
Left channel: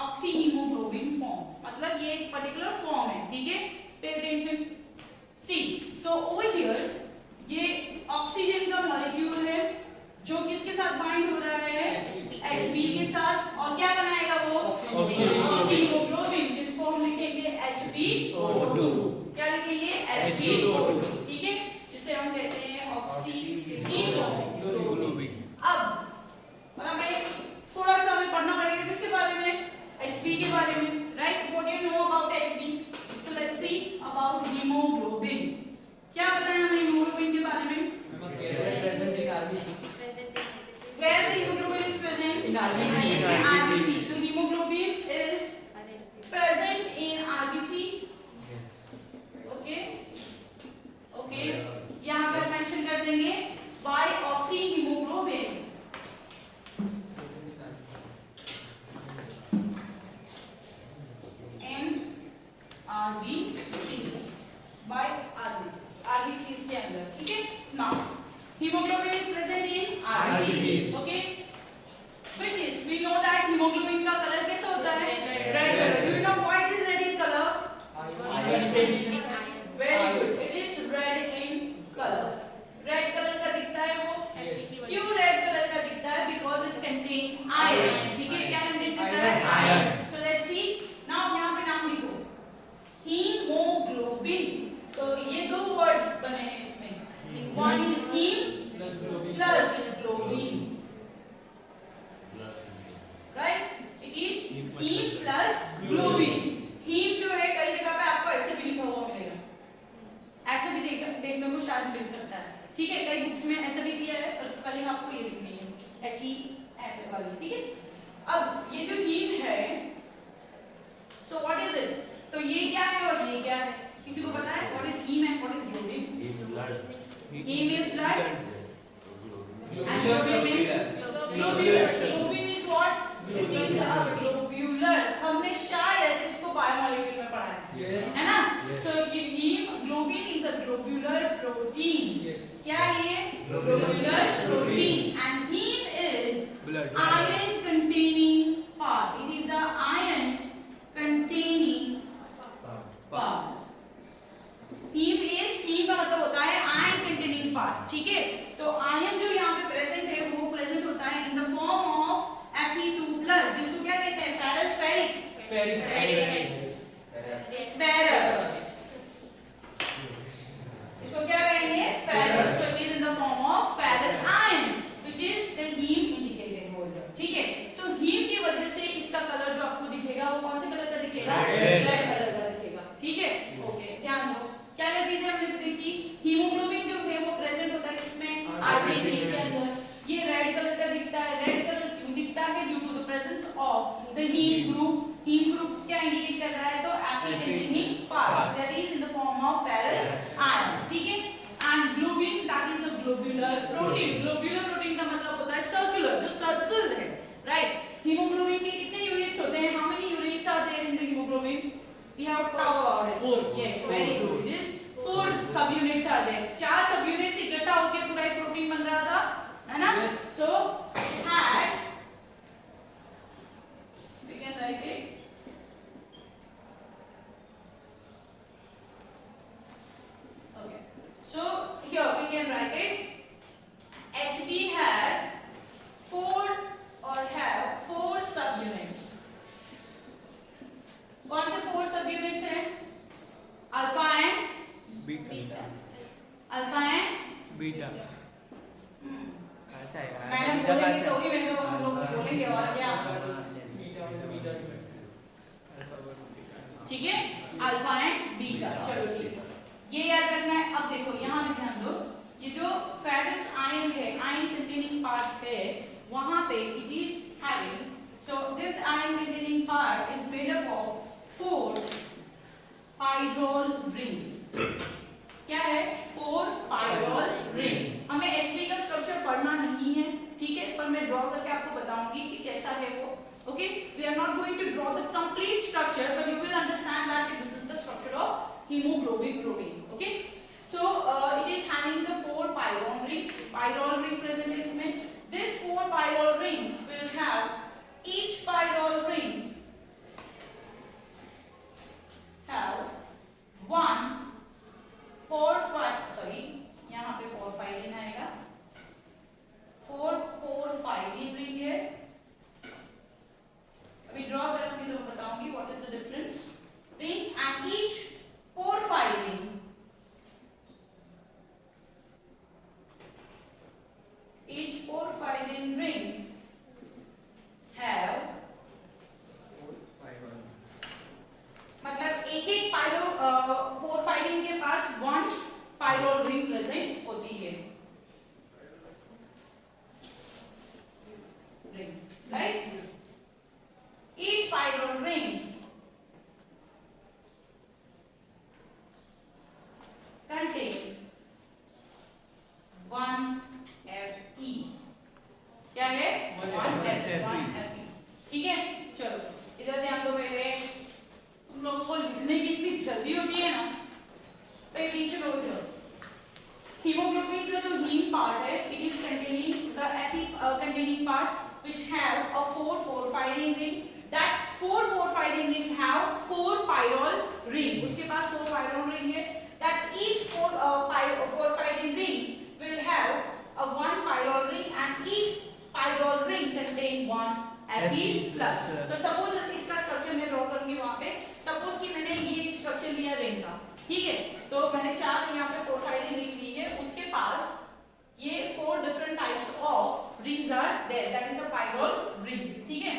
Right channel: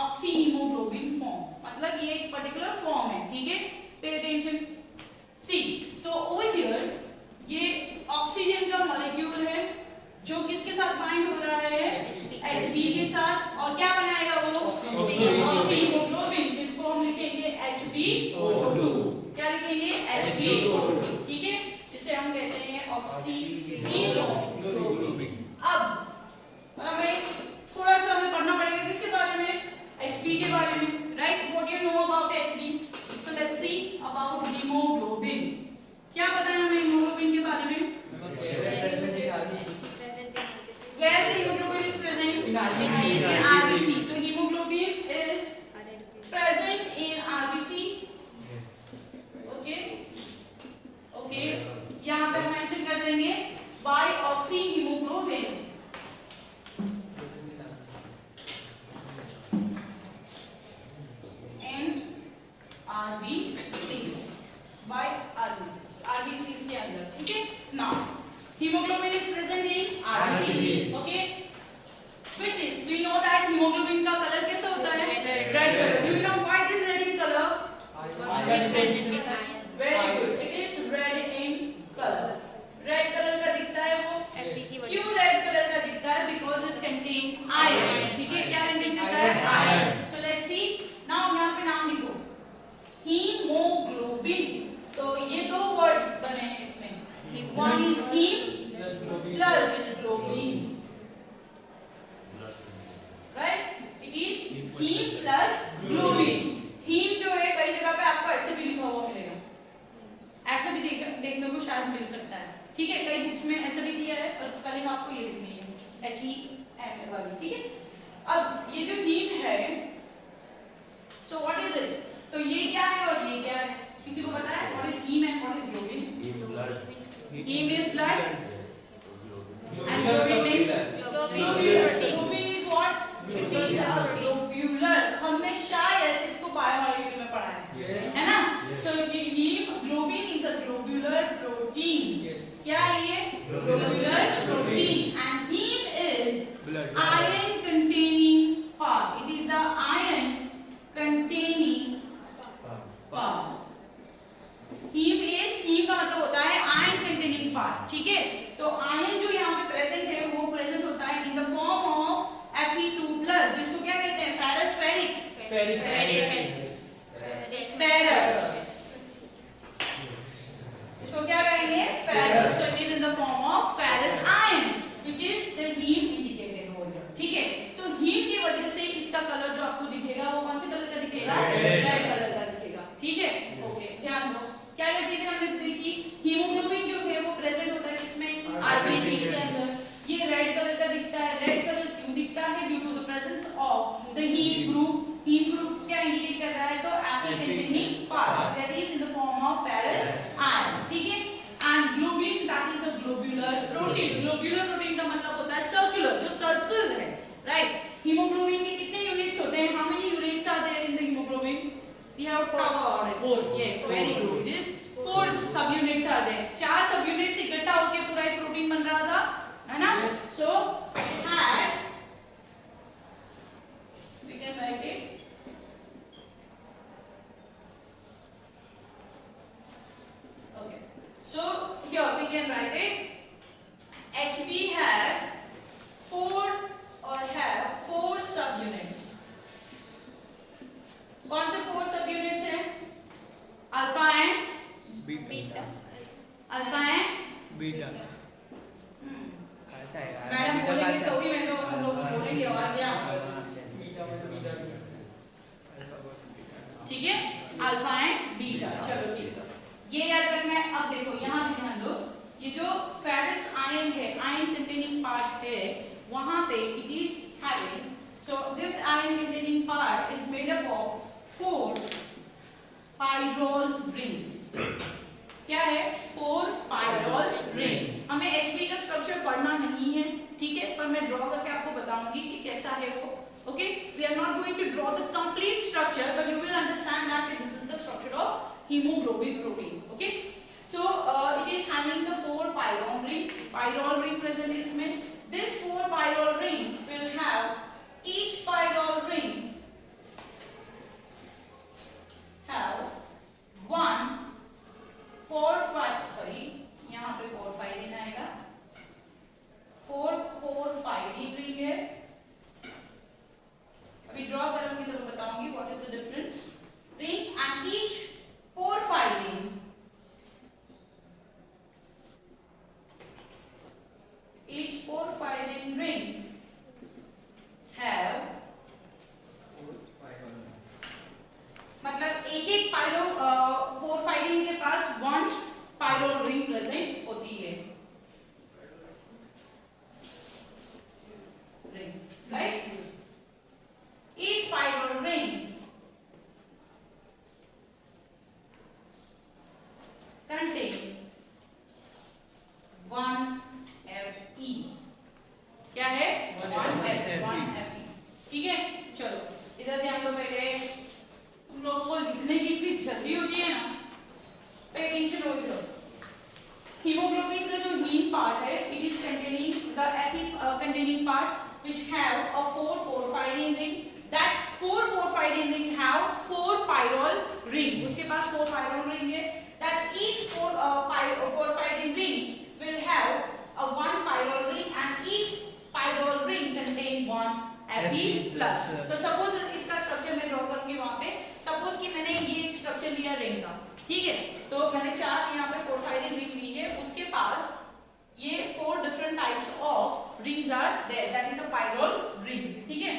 Oxyhemoglobin form मतलब ये एक पर्टिकुलर फॉर्म है. ठीक है, pay attention. See, so over here ये ऑक्सीजन का मॉलिक्यूल है जो किसके साथ बाइंड हो रहा है? Hb के साथ, और क्या बनाएगा वो? ऑक्सीहीमोग्लोबिन, जिसको हम लिखेंगे HbO2. क्या लिखेंगे? HbO2. ठीक है, ऑक्सीहीमोग्लोबिन। अब हमें थोड़ा सा हमें पढ़ना पड़ेगा किसके बारे में, Hb के बारे में, right? What you know about Hb? So let's see about haemoglobin. क्या पता है हमें हीमोग्लोबिन के बारे में? Where the hemoglobin is present? In RBC. In RBC. So hemoglobin is present in RBC. Okay. Okay. यहाँ पे मेंशन कर देंगे by oxyhemoglobin. In RBCs. By RBCs. RBCs के अंदर, ठीक है? Now, hemoglobin is present in RBCs. Okay. Which is, we know that hemoglobin का कलर कैसा होता है? Red color. Do you know what is red in color? Very good. It is red in color. Red color का दिखता है वो? क्यों red color का दिखता है? Because it contain iron. ठीक है? क्या contain करता है? Iron. So let's see. Now यहाँ पे नाम लिखो. Hemoglobin. तो ये दो words बने हैं इसमें. One is hem plus globin. Right? It is hem plus globin. Hem जो है कई जगह पे आपको ऐसे भी लिखा हुआ मिलेगा, ऐसे भी देखने को शायद मिल सकता है, ठीक है? कई बुक्स में ऐसा भी दिया है, और पहले आपको ये लिखनी है HEM वाली, ठीक है? अब ये जो hem है, so what is it? तो ये क्या है और ये क्या है? किसी को पता है? What is hem and what is globin? Hem is blood and globin means globular. Globin is what? It is a globular. हमने शायद इसको बायोमोलिक्यूल में पढ़ा है, है ना? So hemoglobin is a globular protein. क्या ये? Globular protein. And heme is iron containing part. It is the iron containing part. Heme का मतलब होता है iron containing part, ठीक है? तो iron जो यहाँ पे प्रेजेंट है वो प्रेजेंट होता है in the form of Fe2+, जिसको क्या कहते हैं? Ferrous ferric. फेरस, इसको क्या कहेंगे? Ferrous. So it is in the form of ferrous iron, which is the heme indicated over here, ठीक है? तो heme की वजह से इसका कलर जो आपको दिखेगा वो कौन से कलर का दिखेगा? रेड कलर का दिखेगा, ठीक है? ओके, ध्यान दो। क्या क्या चीजें हमने देखी? हीमोग्लोबिन जो है वो प्रेजेंट होता है किसमें? आरबीसी के अंदर। ये रेड कलर का दिखता है। रेड कलर क्यों दिखता है? Due to the presence of the heme group. Heme group क्या इंडिकेट कर रहा है? तो Fe containing part that is in the form of ferrous iron, ठीक है? And globin, that is a globular protein. Globular protein का मतलब होता है सर्कुलर, जो सर्कल है, राइट? हीमोग्लोबिन के कितने यूनिट्स होते हैं? How many units are there in the hemoglobin? We have to talk about it. 4. Yes, very good. This 4 sub units are there. 4 sub units इकट्ठा होकर पूरा एक प्रोटीन बन रहा था, है ना? So it has, we can write it. Okay. So here we can write it. Hb has 4 subunits. कौन से 4 subunits हैं? Alpha and beta. Alpha and beta. Madam बोलेंगे तो ही मैं तो हम लोग बोलेंगे, और क्या? ठीक है, अल्फा एंड बीटा। चलो ठीक है, ये याद रखना है। अब देखो यहाँ पे ध्यान दो, ये जो फेरस आयन है, आयन कंटेनिंग पार्ट है, वहां पे it is having, so this ion containing part is made up of 4 pyrrole ring. क्या है? 4 पाइरोल रिंग। हमें Hb का स्ट्रक्चर पढ़ना नहीं है, ठीक है, पर मैं ड्रॉ करके आपको बताऊंगी कि कैसा है वो। Okay, we are not going to draw the complete structure, but you will understand that this is the structure of hemoglobin protein. Okay, so it is having the 4 pyrrole ring. Pyrrole ring present is में. This 4 pyrrole ring will have each pyrrole ring have 1 porphyrin, यहाँ पे porphyrin आएगा, 4 porphyrin ring है। अभी ड्रॉ करूंगी तो मैं बताऊंगी what is the difference ring, and each porphyrin have a 4 porphyrin ring. That 4 porphyrin ring have 4 pyrrole ring. उसके पास 4 pyrrole ring है. That each porphyrin ring will have a 1 pyrrole ring and each pyrrole ring contain 1 Fe plus. तो सपोज इसका स्ट्रक्चर मैं ड्रॉ करूंगी वहां पे. सपोज कि मैंने ये एक स्ट्रक्चर लिया रिंग का, ठीक है, तो मैंने 4 यहाँ पे पोरफायरिन रिंग ली है. उसके पास ये 4 different types of rings are there, that is the pyrrole ring. ठीक है,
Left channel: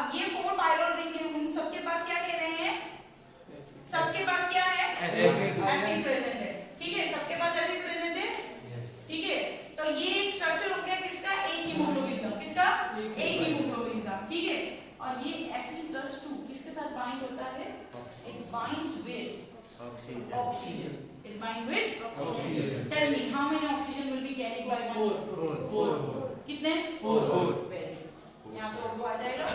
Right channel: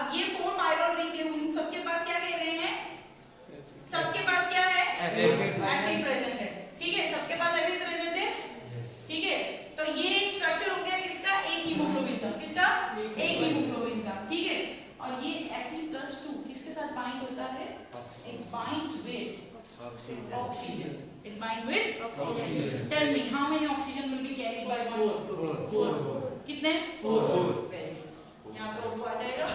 अब ये 4 पायरोल रिंग है, उन सबके पास क्या कह रहे हैं? सबके पास क्या है? Fe प्रेजेंट है. ठीक है, सबके पास Fe प्रेजेंट है. ठीक है, तो ये एक स्ट्रक्चर हो गया किसका? एक हीमोग्लोबिन का. किसका? एक हीमोग्लोबिन का. ठीक है, और ये Fe+2 किसके साथ बाइंड होता है? It binds with oxygen. It binds with oxygen. Tell me, how many oxygen will be carried by one? 4. कितने? 4. यहाँ पे उनको आ जाएगा.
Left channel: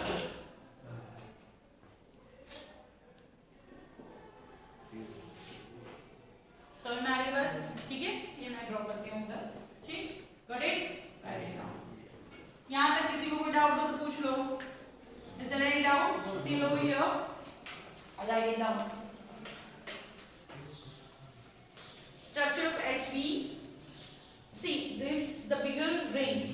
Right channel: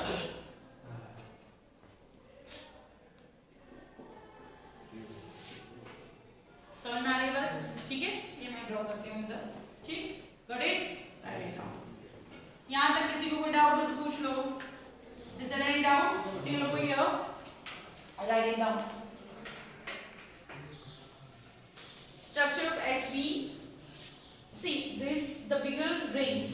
समझ में आ रही बात? ठीक है, ये मैं ड्रॉ करती हूँ इधर. ठीक, got it? Write it down. यहाँ तक किसी को कोई डाउट हो तो पूछ लो. Is there any doubt? Till over here. I'll write it down. Structure of HB. See, this the bigger rings.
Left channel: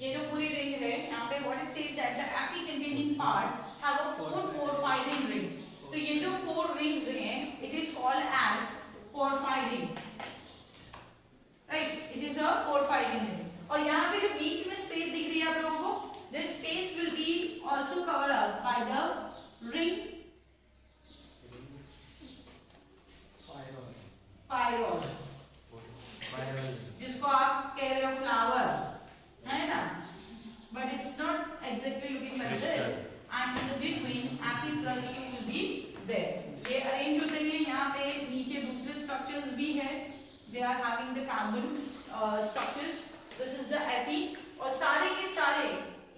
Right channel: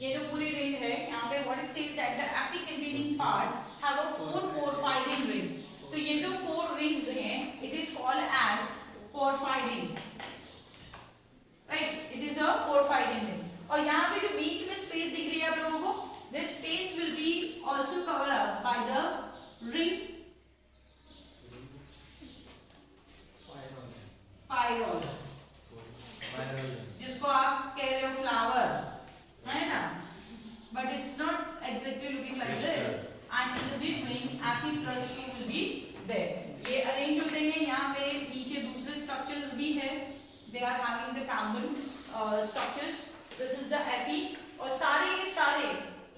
ये जो पूरी रिंग है यहाँ पे what it says that the Fe containing part have a 4 porphyrin ring. तो ये जो 4 rings हैं, it is called as porphyrin. Right? It is a porphyrin ring. और यहाँ पे जो बीच में स्पेस दिख रही है आप लोगों को, this space will be also covered up by the ring pyrrole. जिसको आप कह रहे हो फ्लावर, है ना? But it's not exactly looking like this. And in the between, Fe+2 will be there. ये अरेंज हो जाएंगे. यहाँ पे नीचे दूसरे स्ट्रक्चर्स भी है. They are having the carbon structures. This is the Fe. और सारे के सारे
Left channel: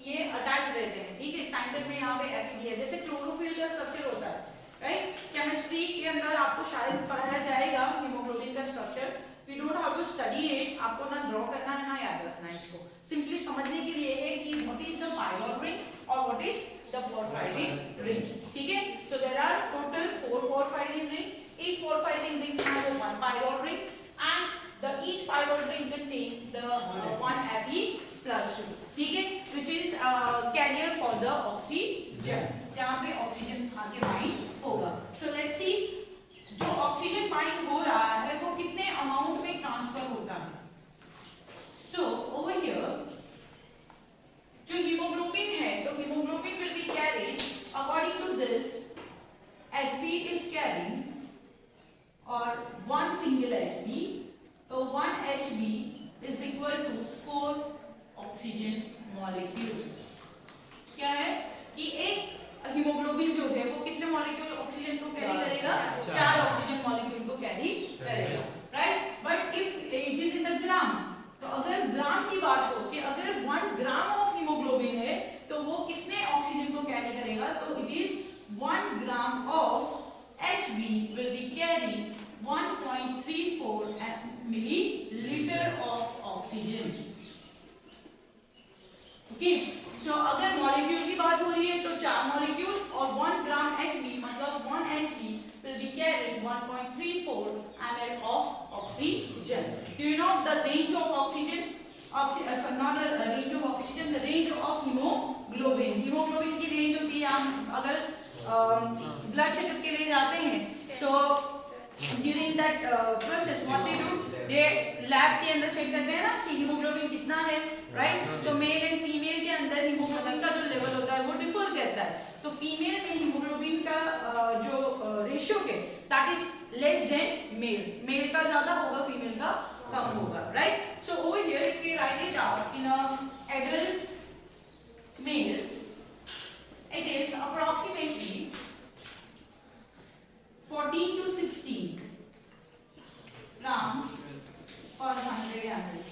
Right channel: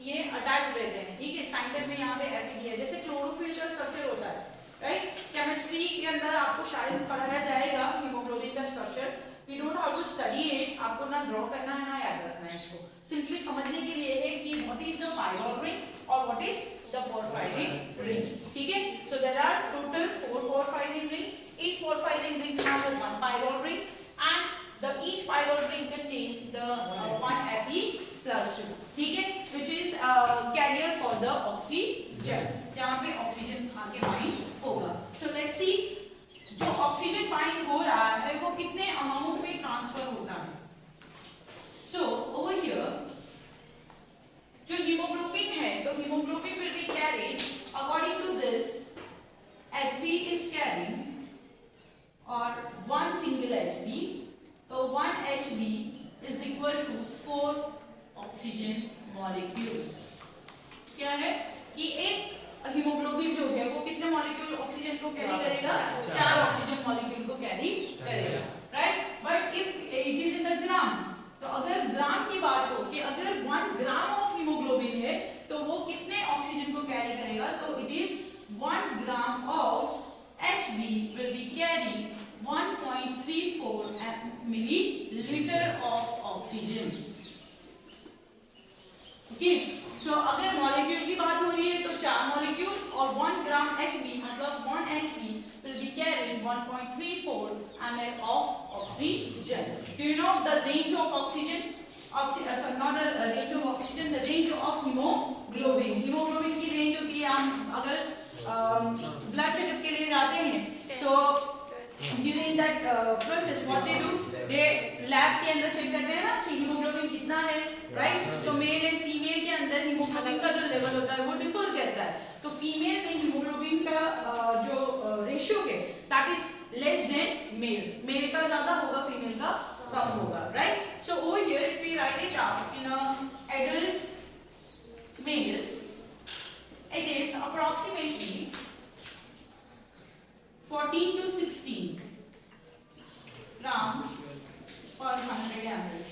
ये अटैच रहते हैं. ठीक है, साइंटिस्ट में यहाँ पे Fe दिया है. जैसे क्लोरोफिल का स्ट्रक्चर होता है, राइट? केमिस्ट्री के अंदर आपको शायद पढ़ाया जाएगा हीमोग्लोबिन का structure. We don't how to study it. आपको ना ड्रॉ करना है ना याद रखना है. इसको सिंपली समझने के लिए है कि what is the pyrrole ring और what is the porphyrin ring. ठीक है, so there are total 4 porphyrin ring. Each porphyrin ring has 1 pyrrole ring and each pyrrole ring contains the 1 Fe+2. ठीक है, which is carrier for the oxygen. जहाँ पे ऑक्सीजन आगे बाइंड होगा. So let's see, जो oxygen bind हो रहा है वो कितने अमाउंट में ट्रांसफर होता है. So over here, जो हीमोग्लोबिन है, तो haemoglobin will be carried according to this. HB is carrying और 1 single HB, तो 1 HB is equal to 4 oxygen molecule. क्या है कि एक हीमोग्लोबिन जो है वो कितने मॉलिक्यूल ऑक्सीजन को कैरी करेगा? 4 ऑक्सीजन मॉलिक्यूल को कैरी करेगा, right? But if it is in the gram, तो अगर ग्राम की बात हो कि अगर 1 ग्राम ऑफ हीमोग्लोबिन है तो वो कितने ऑक्सीजन को कैरी करेगा? तो it is 1 gram of HB will be carrying 1.34 milliliter of oxygen. Okay, so अगर मॉलिक्यूल की बात हो रही है तो 4 मॉलिक्यूल और 1 ग्राम HB मतलब 1 HB will be carrying 1.34 ml of oxygen. Do you know the range of oxygen? Not the range of oxygen, the range of hemoglobin. Hemoglobin की रेंज होती है, हम अगर ब्लड चेकअप के लिए जाते हैं, so during that process what they do, they lab के अंदर चेक करते हैं ना कि हीमोग्लोबिन कितना है, राइट? तो मेल एंड फीमेल के अंदर हीमोग्लोबिन का जो लेवल होता है वो डिफर करता है. तो फीमेल में हीमोग्लोबिन का जो रेशियो है that is less than male. Male का ज्यादा होगा, फीमेल का कम होगा, right? So over here if we write it out in a adult male, it is approximately 14 to 16 grams per 100 ml.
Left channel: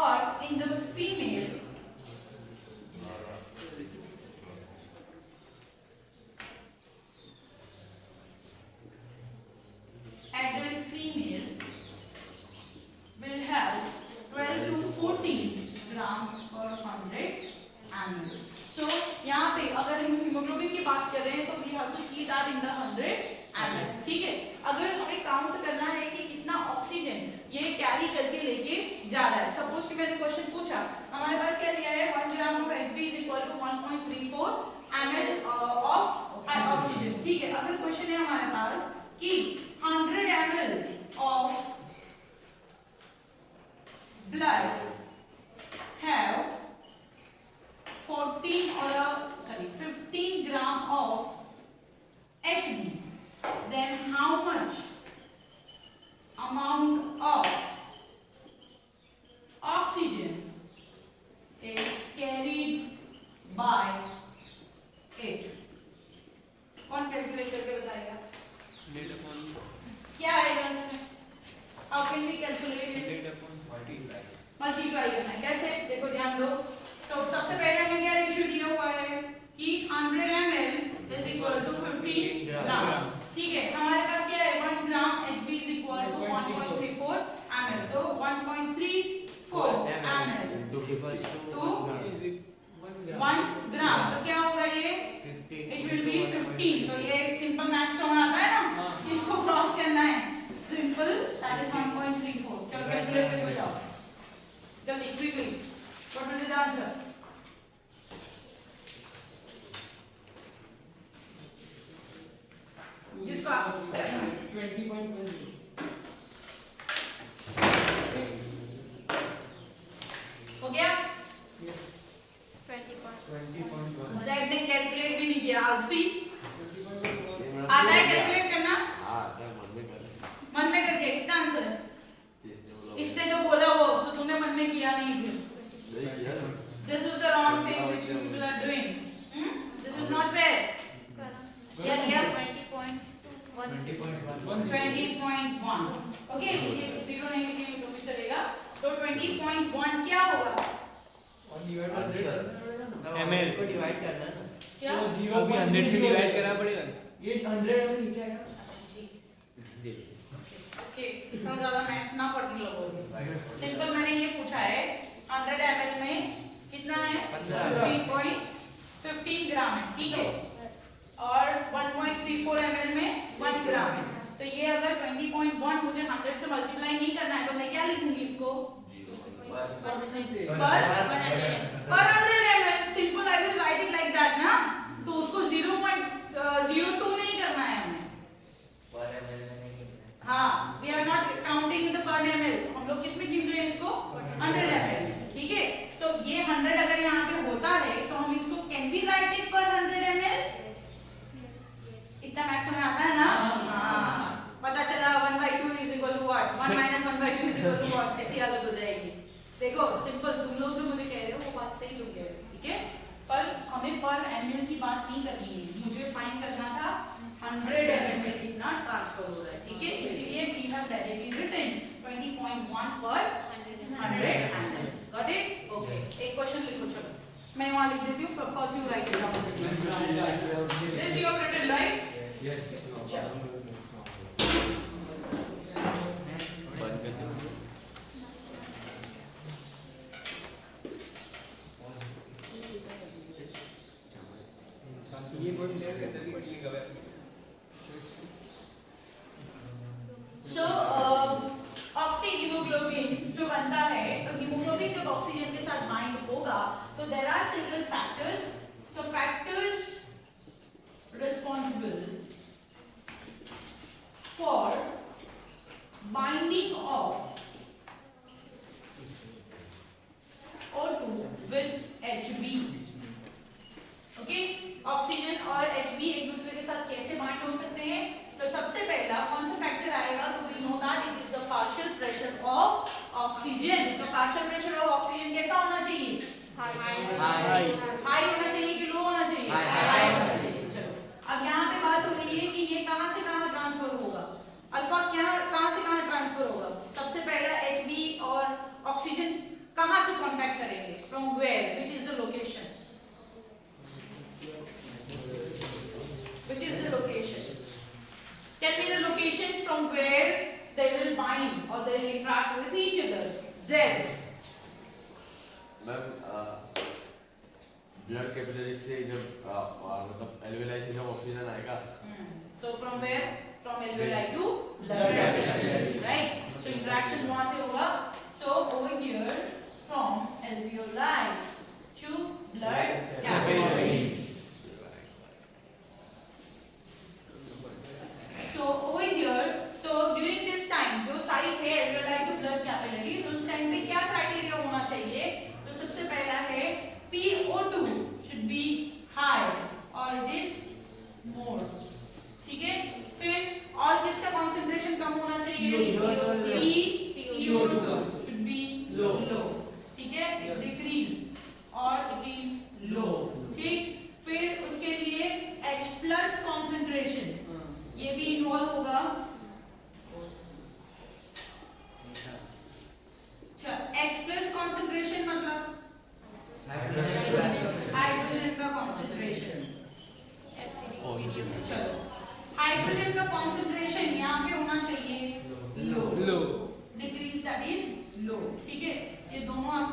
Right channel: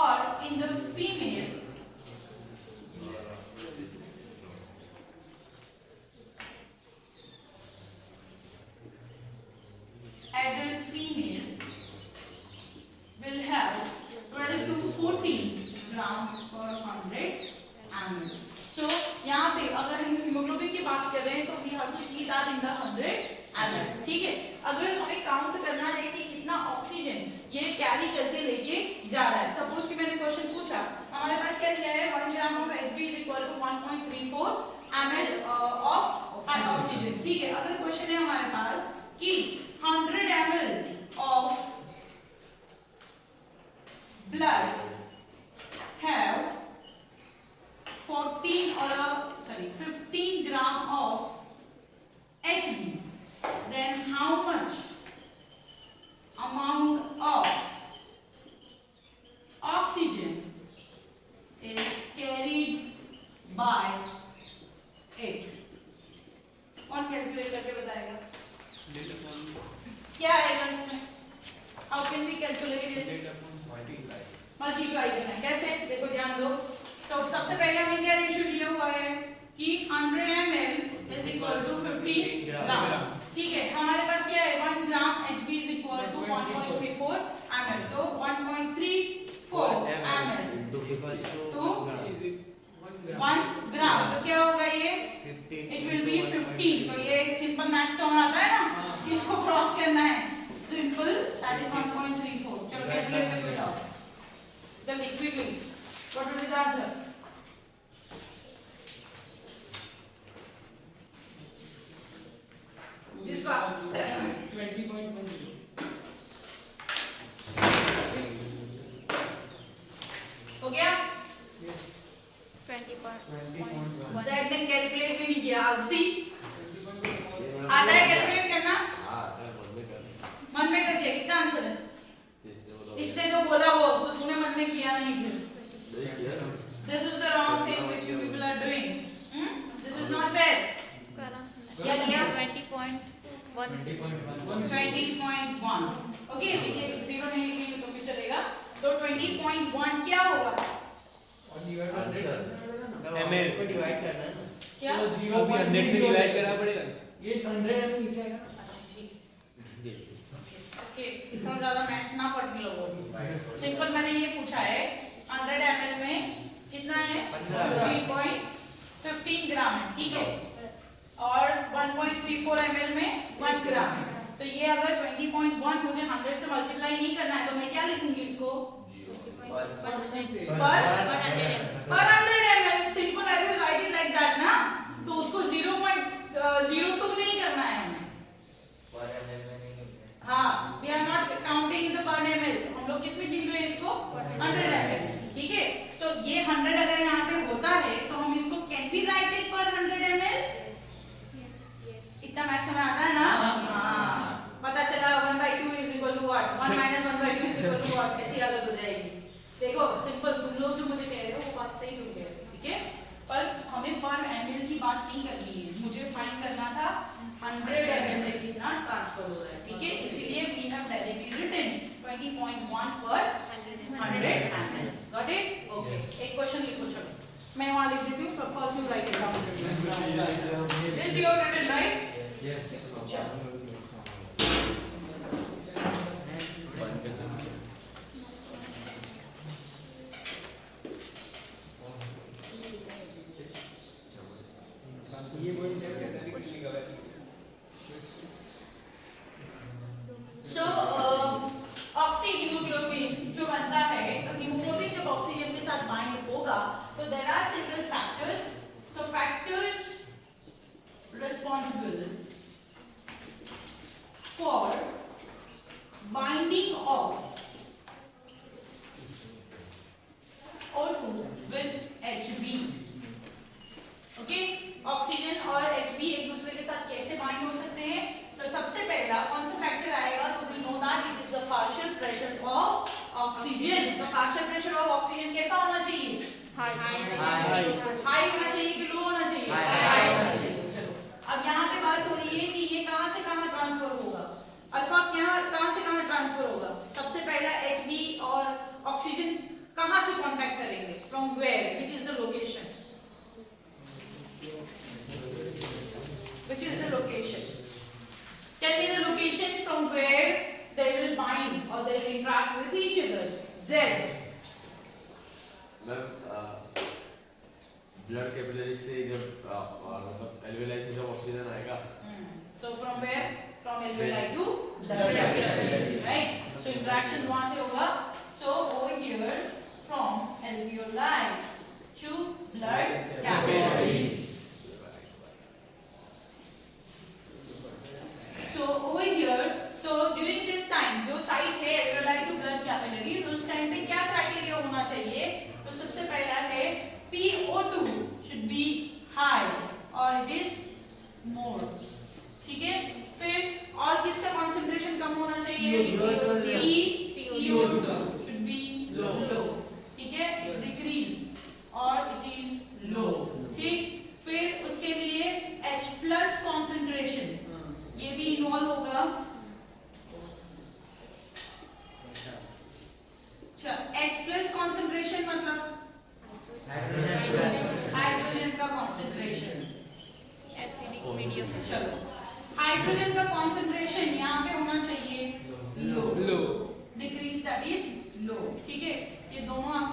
Or in the female, adult female will have 12 to 14 grams per 100 ml. So यहाँ पे अगर हम हीमोग्लोबिन की बात कर रहे हैं तो we have to see that in the 100 ml. ठीक है, अगर हमें काउंट करना है कि कितना ऑक्सीजन ये कैरी करके लेके जा रहा है. सपोज कि मैंने क्वेश्चन पूछा, हमारे पास क्या दिया है 1 gram of Hb is equal to 1.34 ml of oxygen. ठीक है, अगर क्वेश्चन है हमारे पास कि 100 ml of blood have 15 gram of Hb, then how much amount of oxygen is carried by it? कौन कैलकुलेट करके बताएगा क्या आएगा इसमें? How can we calculate it? Multiply करना है. कैसे? देखो ध्यान दो. तो सबसे पहले हमने क्या रेशियो लिया हुआ है कि 100 ml is equal to 15 gram. ठीक है, हमारे पास क्या है 1 gram Hb is equal to 1.34 ml. तो 1.34 ml टू 1 ग्राम. तो क्या होगा ये? It will be 15. तो ये एक सिंपल मैथ्स टर्म आता है ना, इसको क्रॉस करना है. Simple, that is 1.34. चलो कैलकुलेट करके बताओ जल्दी quickly. What will be the answer? जिसका 20.1 हो गया. 20.1. ज़ैड ने कैलकुलेट भी नहीं किया. अक्सी आता है कैलकुलेट करना? मन में कर दिया. कितना आंसर है? इसने तो बोला वो, तो तूने मन में किया नहीं. This is the wrong thing which you people are doing. This is not fair. क्या किया? 20.1. 20.1. ओके, जीरो नहीं लिखेंगे तो भी चलेगा. तो 20.1 क्या होगा? ml को डिवाइड करना है ना. क्या? तो 0 भी 100 से डिवाइड करना पड़ेगा. ये 100 है नीचे आएगा. ओके, इतना ज्यादा मैथ्स ना पढ़ने लगो. सिंपल मैंने ये पूछा है 100 ml में कितना है? 3.15 ग्राम है. ठीक है, और 1.34 ml में 1 ग्राम है. तो ये अगर 20.1 मुझे 100 से मल्टीप्लाई नहीं करना है तो मैं क्या लिखूंगी इसको? पर 100 ml. Simple, I will write it like that ना. तो उसको 0.02 नहीं करना है हमें. हाँ, we are not counting in the per ml. हम लोग किस में गिन रहे हैं इसको? 100 ml. ठीक है, तो ये 100 अगर यहाँ पे होता है तो हम इसको कैन बी राइट इट पर 100 ml. इतना मैथ समझ आता है ना? हाँ, पता चला 1/2 is equal to what? 1 - 1/2 is equal to what? कैसी आदत हो जाएगी. देखो सिंपल, तुम लोग जो मुझे कह रहे हो वो बात सही हो गई. ठीक है, पर हमें पर ml की बात नहीं करनी है. मुझे फाइंड करना था 100 ml में कितना ट्रांसफर हो रहा है. ठीक है, इसीलिए वी हैव डायरेक्टली रिटन 20.1 पर 100 ml. Got it? ओके, एक क्वेश्चन लिखो. चलो मैं वहां लिख देती हूँ. First you write it down. This you have written right? Yes. चलो ये बोल दिया तभी कुछ नहीं गलत. सो ऑक्सी हीमोग्लोबिन जो बनता है, तो हीमोग्लोबिन जब ऑक्सीजन के साथ बाइंड होगा तो there are several factors. So factors responsible for binding of O2 with Hb. Okay, oxygen और Hb एक दूसरे के साथ कैसे बाइंड हो सकते हैं? तो सबसे पहला कौन सा फैक्टर आएगा? तो we know that it is the partial pressure of oxygen. तो पार्शियल प्रेशर ऑफ ऑक्सीजन कैसा होना चाहिए? हाई होना चाहिए कि लो होना चाहिए? हाई होना चाहिए. चलो, अब यहाँ पे बात हो रही है कि ये कहाँ से कहाँ ट्रांसफर होगा. अल्फा कहाँ से कहाँ ट्रांसफर होगा? सबसे पहला Hb और ऑक्सीजन कहाँ से कांटेक्ट करेंगे? From where? Which is the location? Which is the location? Tell me the location from where they will bind or they will interact with each other. Z. Ma'am, blood capillary से जब मतलब एल्वेलाई से जब ऑक्सीजन आएगा, So from where? From alveoli to blood capillaries, right? So interaction वहाँ से होगा. So over here from alveoli to blood capillaries. So over here, so during this time जो साइट है alveoli to blood capillaries, उस टाइम पे क्या क्राइटेरिया होना चाहिए? तो सबसे पहला है PO2 should be high or it is more. ठीक है, फिर और किसका कंसंट्रेशन कम होना चाहिए? CO2 should be low. ठीक है, decrease or it is low. ठीक, फिर उसके लिए H plus concentration ये भी इन्वॉल्व होगा. अच्छा, H plus concentration मतलब हाइड्रोजन का concentration. Acidic medium. चलो, हाइड्रोजन का कॉन्सेंट्रेशन यहाँ पे होना चाहिए low, decrease that is low. ठीक है, ये दोनों आप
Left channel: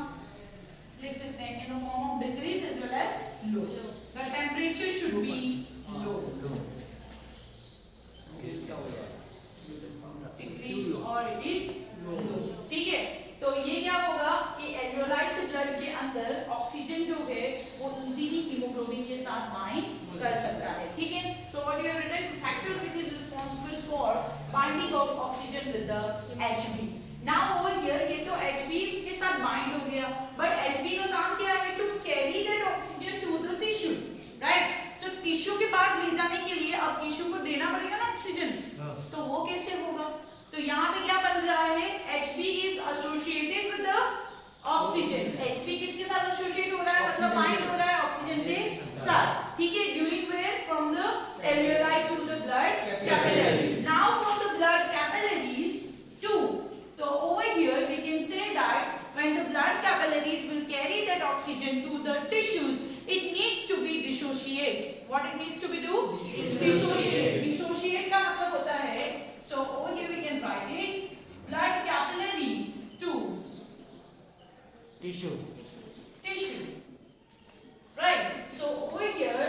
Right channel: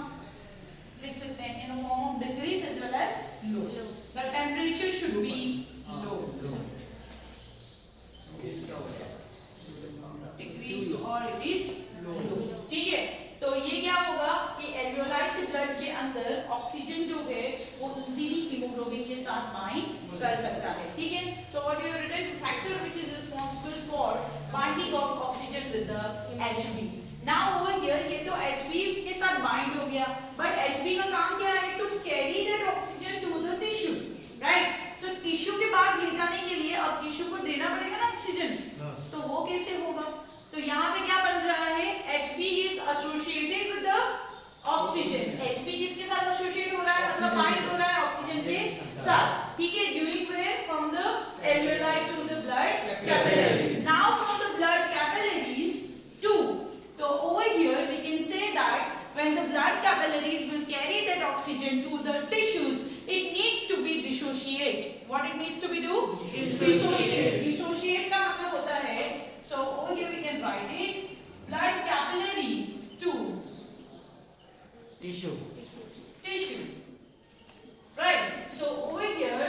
लिख सकते हैं in form of decrease as well as low. The temperature should be low, decrease और इट इज लो. ठीक है, तो ये क्या होगा कि एल्वेओलाई से ब्लड के अंदर ऑक्सीजन जो है वो इजीली हीमोग्लोबिन के साथ बाइंड कर सकता है. ठीक है, so what you have written factor which is responsible for binding of oxygen with the Hb. Now over here ये तो Hb के साथ बाइंड हो गया, बट Hb का काम क्या है? To carry that oxygen to the tissue, right? तो टिश्यू के पास ले जाने के लिए अब टिश्यू को देना पड़ेगा ना ऑक्सीजन, तो वो कैसे होगा? तो यहाँ पे क्या बन रहा है? Hb is associated with the oxygen. Hb किसके साथ एसोसिएट हो रहा है? मतलब बाइंड हो रहा है ऑक्सीजन के साथ. ठीक है, during where from the alveoli to the blood capillaries. Now from the blood capillaries to, so over here we can say that when the blood capillaries will carry that oxygen to the tissues, it needs to be dissociate. What it needs to be do? Dissociate. Dissociate का मतलब होता है, so over here we can write it, blood capillary to tissue, right? So over here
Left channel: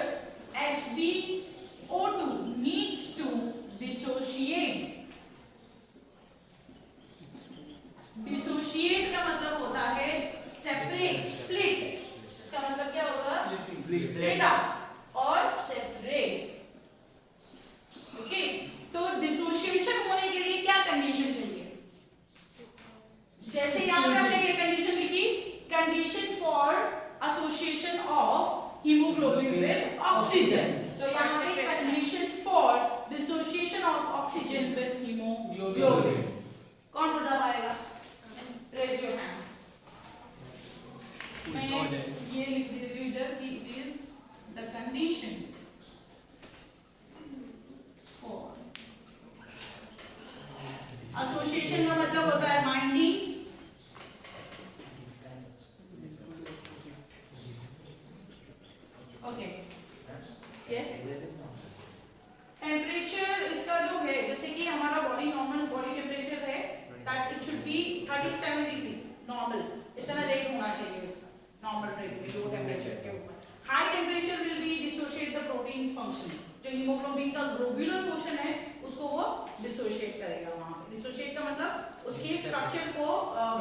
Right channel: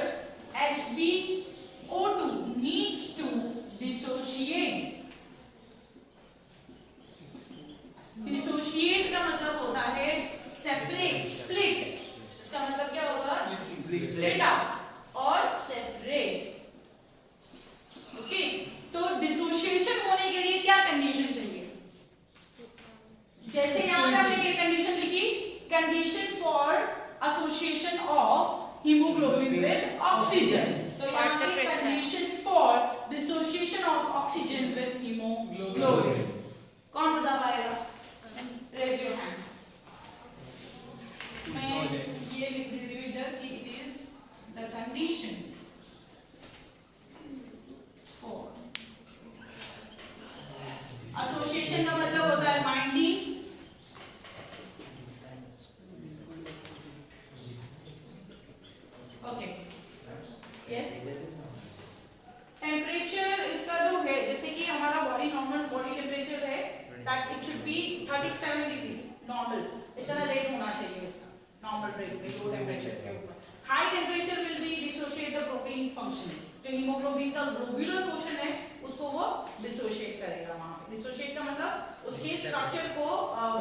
HbO2 needs to dissociate. Dissociate का मतलब होता है separate, split. इसका मतलब क्या होगा? Split up और separate. Okay, तो डिसोसिएशन होने के लिए क्या कंडीशन चाहिए? जैसे यहाँ पे हमने ये कंडीशन लिखी, condition for association of hemoglobin with oxygen. तो यहाँ पे condition for dissociation of oxygen with hemoglobin. कौन बता पाएगा? Raise your hand. मैं ये लिख दे रही हूँ इधर कि it is the condition association का मतलब होता है बाइंडिंग. Okay, yes. टेम्परेचर इसका जो है, जैसे कि हमारा बॉडी नॉर्मल बॉडी टेम्परेचर है, that it should be 37 degree normal. इतना रेट होना चाहिए उसका, नॉर्मल रेट में लो टेम्परेचर के ऊपर. High temperature will be dissociate the protein function. जो हीमोग्लोबिन का ग्लोब्यूलर पोर्शन है उसको वो डिसोशिएट करेगा. वहां पे डिसोशिएट का मतलब उसके स्ट्रक्चर को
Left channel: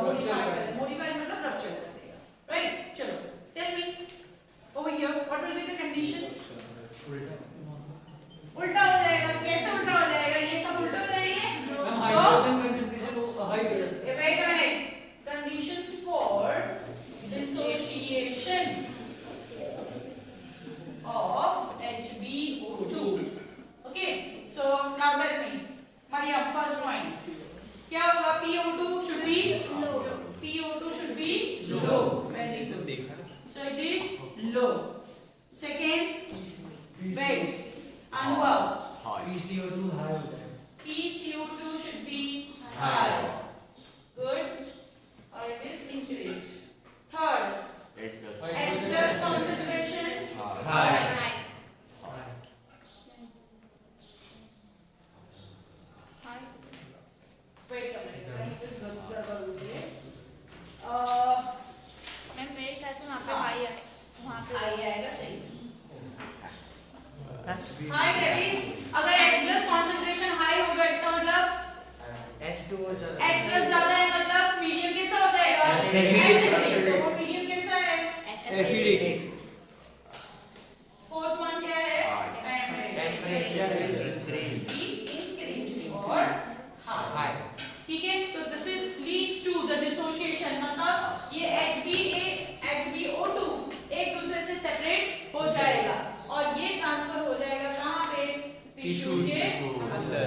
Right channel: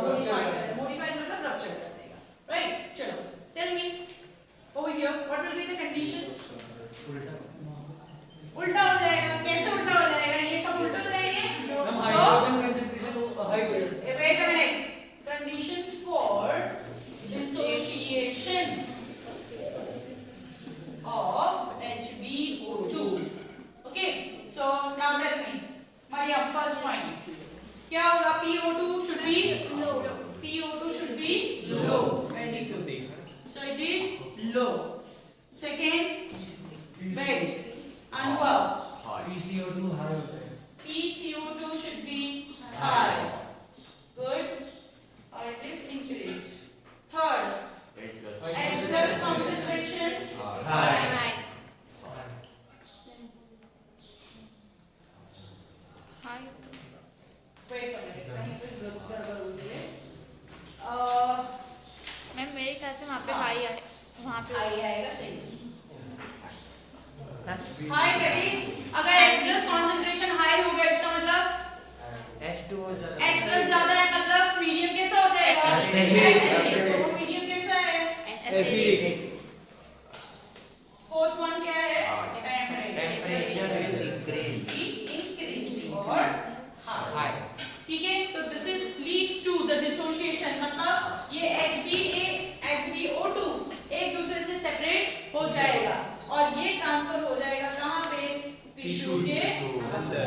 मॉडिफाई करेगा. मॉडिफाई मतलब रप्चर कर देगा, राइट? चलो, tell me over here what will be the conditions. उल्टा हो जाएगा. कैसे उल्टा हो जाएगा? ये सब उल्टा हो जाएंगे. हाइड्रोजन कंसंट्रेशन हाई करेगा. Wait a minute. Conditions for dissociation of HbO2. Okay, so now tell me, Mariam, first point. क्या होगा? PO2 should be low. PO2 should be low. Very good. So it is low. Second, wait. Anubhav, high that is अगर H plus concentration high होगा इसका मतलब H2O H plus ज्यादा है मतलब मीडियम कैसा हो जाएगा? एसिडिक। तो मीडियम कैसा है? एसिडिक। फोर्थ वन क्या है? टेम्परेचर इंक्रीज और हाई। ठीक है, तो this is leads to the dissociation, मतलब ये HbO2 एक दूसरे से सेपरेट हो जाएगा और ये ट्रांसफर हो जाएगा कहाँ पे? टिश्यू के अंदर।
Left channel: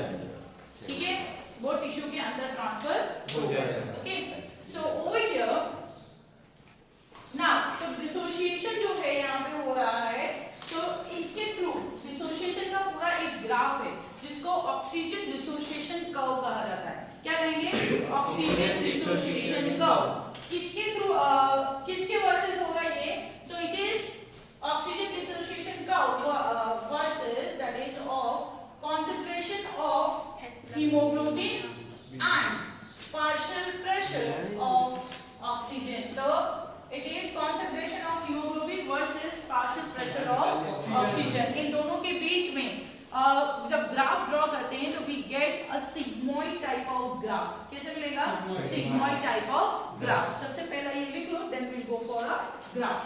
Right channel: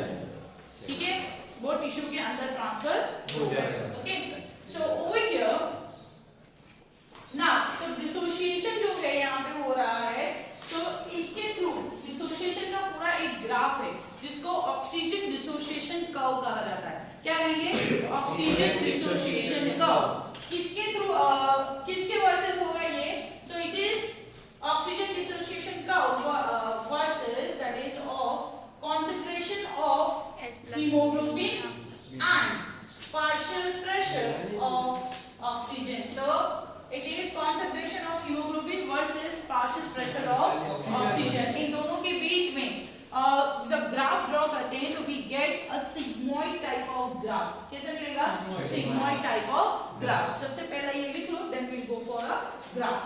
ठीक है, वो टिश्यू के अंदर ट्रांसफर हो जाएगा। ओके, सो ओवर हियर नाउ तो डिसोसिएशन जो है यहाँ पे हो रहा है, तो इसके थ्रू डिसोसिएशन का पूरा एक ग्राफ है जिसको ऑक्सीजन डिसोसिएशन कर्व कहा जाता है। क्या कहेंगे? Oxygen dissociation curve. किसके थ्रू किसके वर्सेस होगा ये? So it is oxygen dissociation curve versus that is of concentration of hemoglobin and partial pressure of oxygen. So it is concentration of hemoglobin versus partial pressure of oxygen. इन दोनों के बीच में जब graph draw करते हैं तो we get a sigmoid type of graph. कैसे मिलेगा? Sigmoid type of graph. सबसे पहले ये लिख लो, then we'll go for a graph.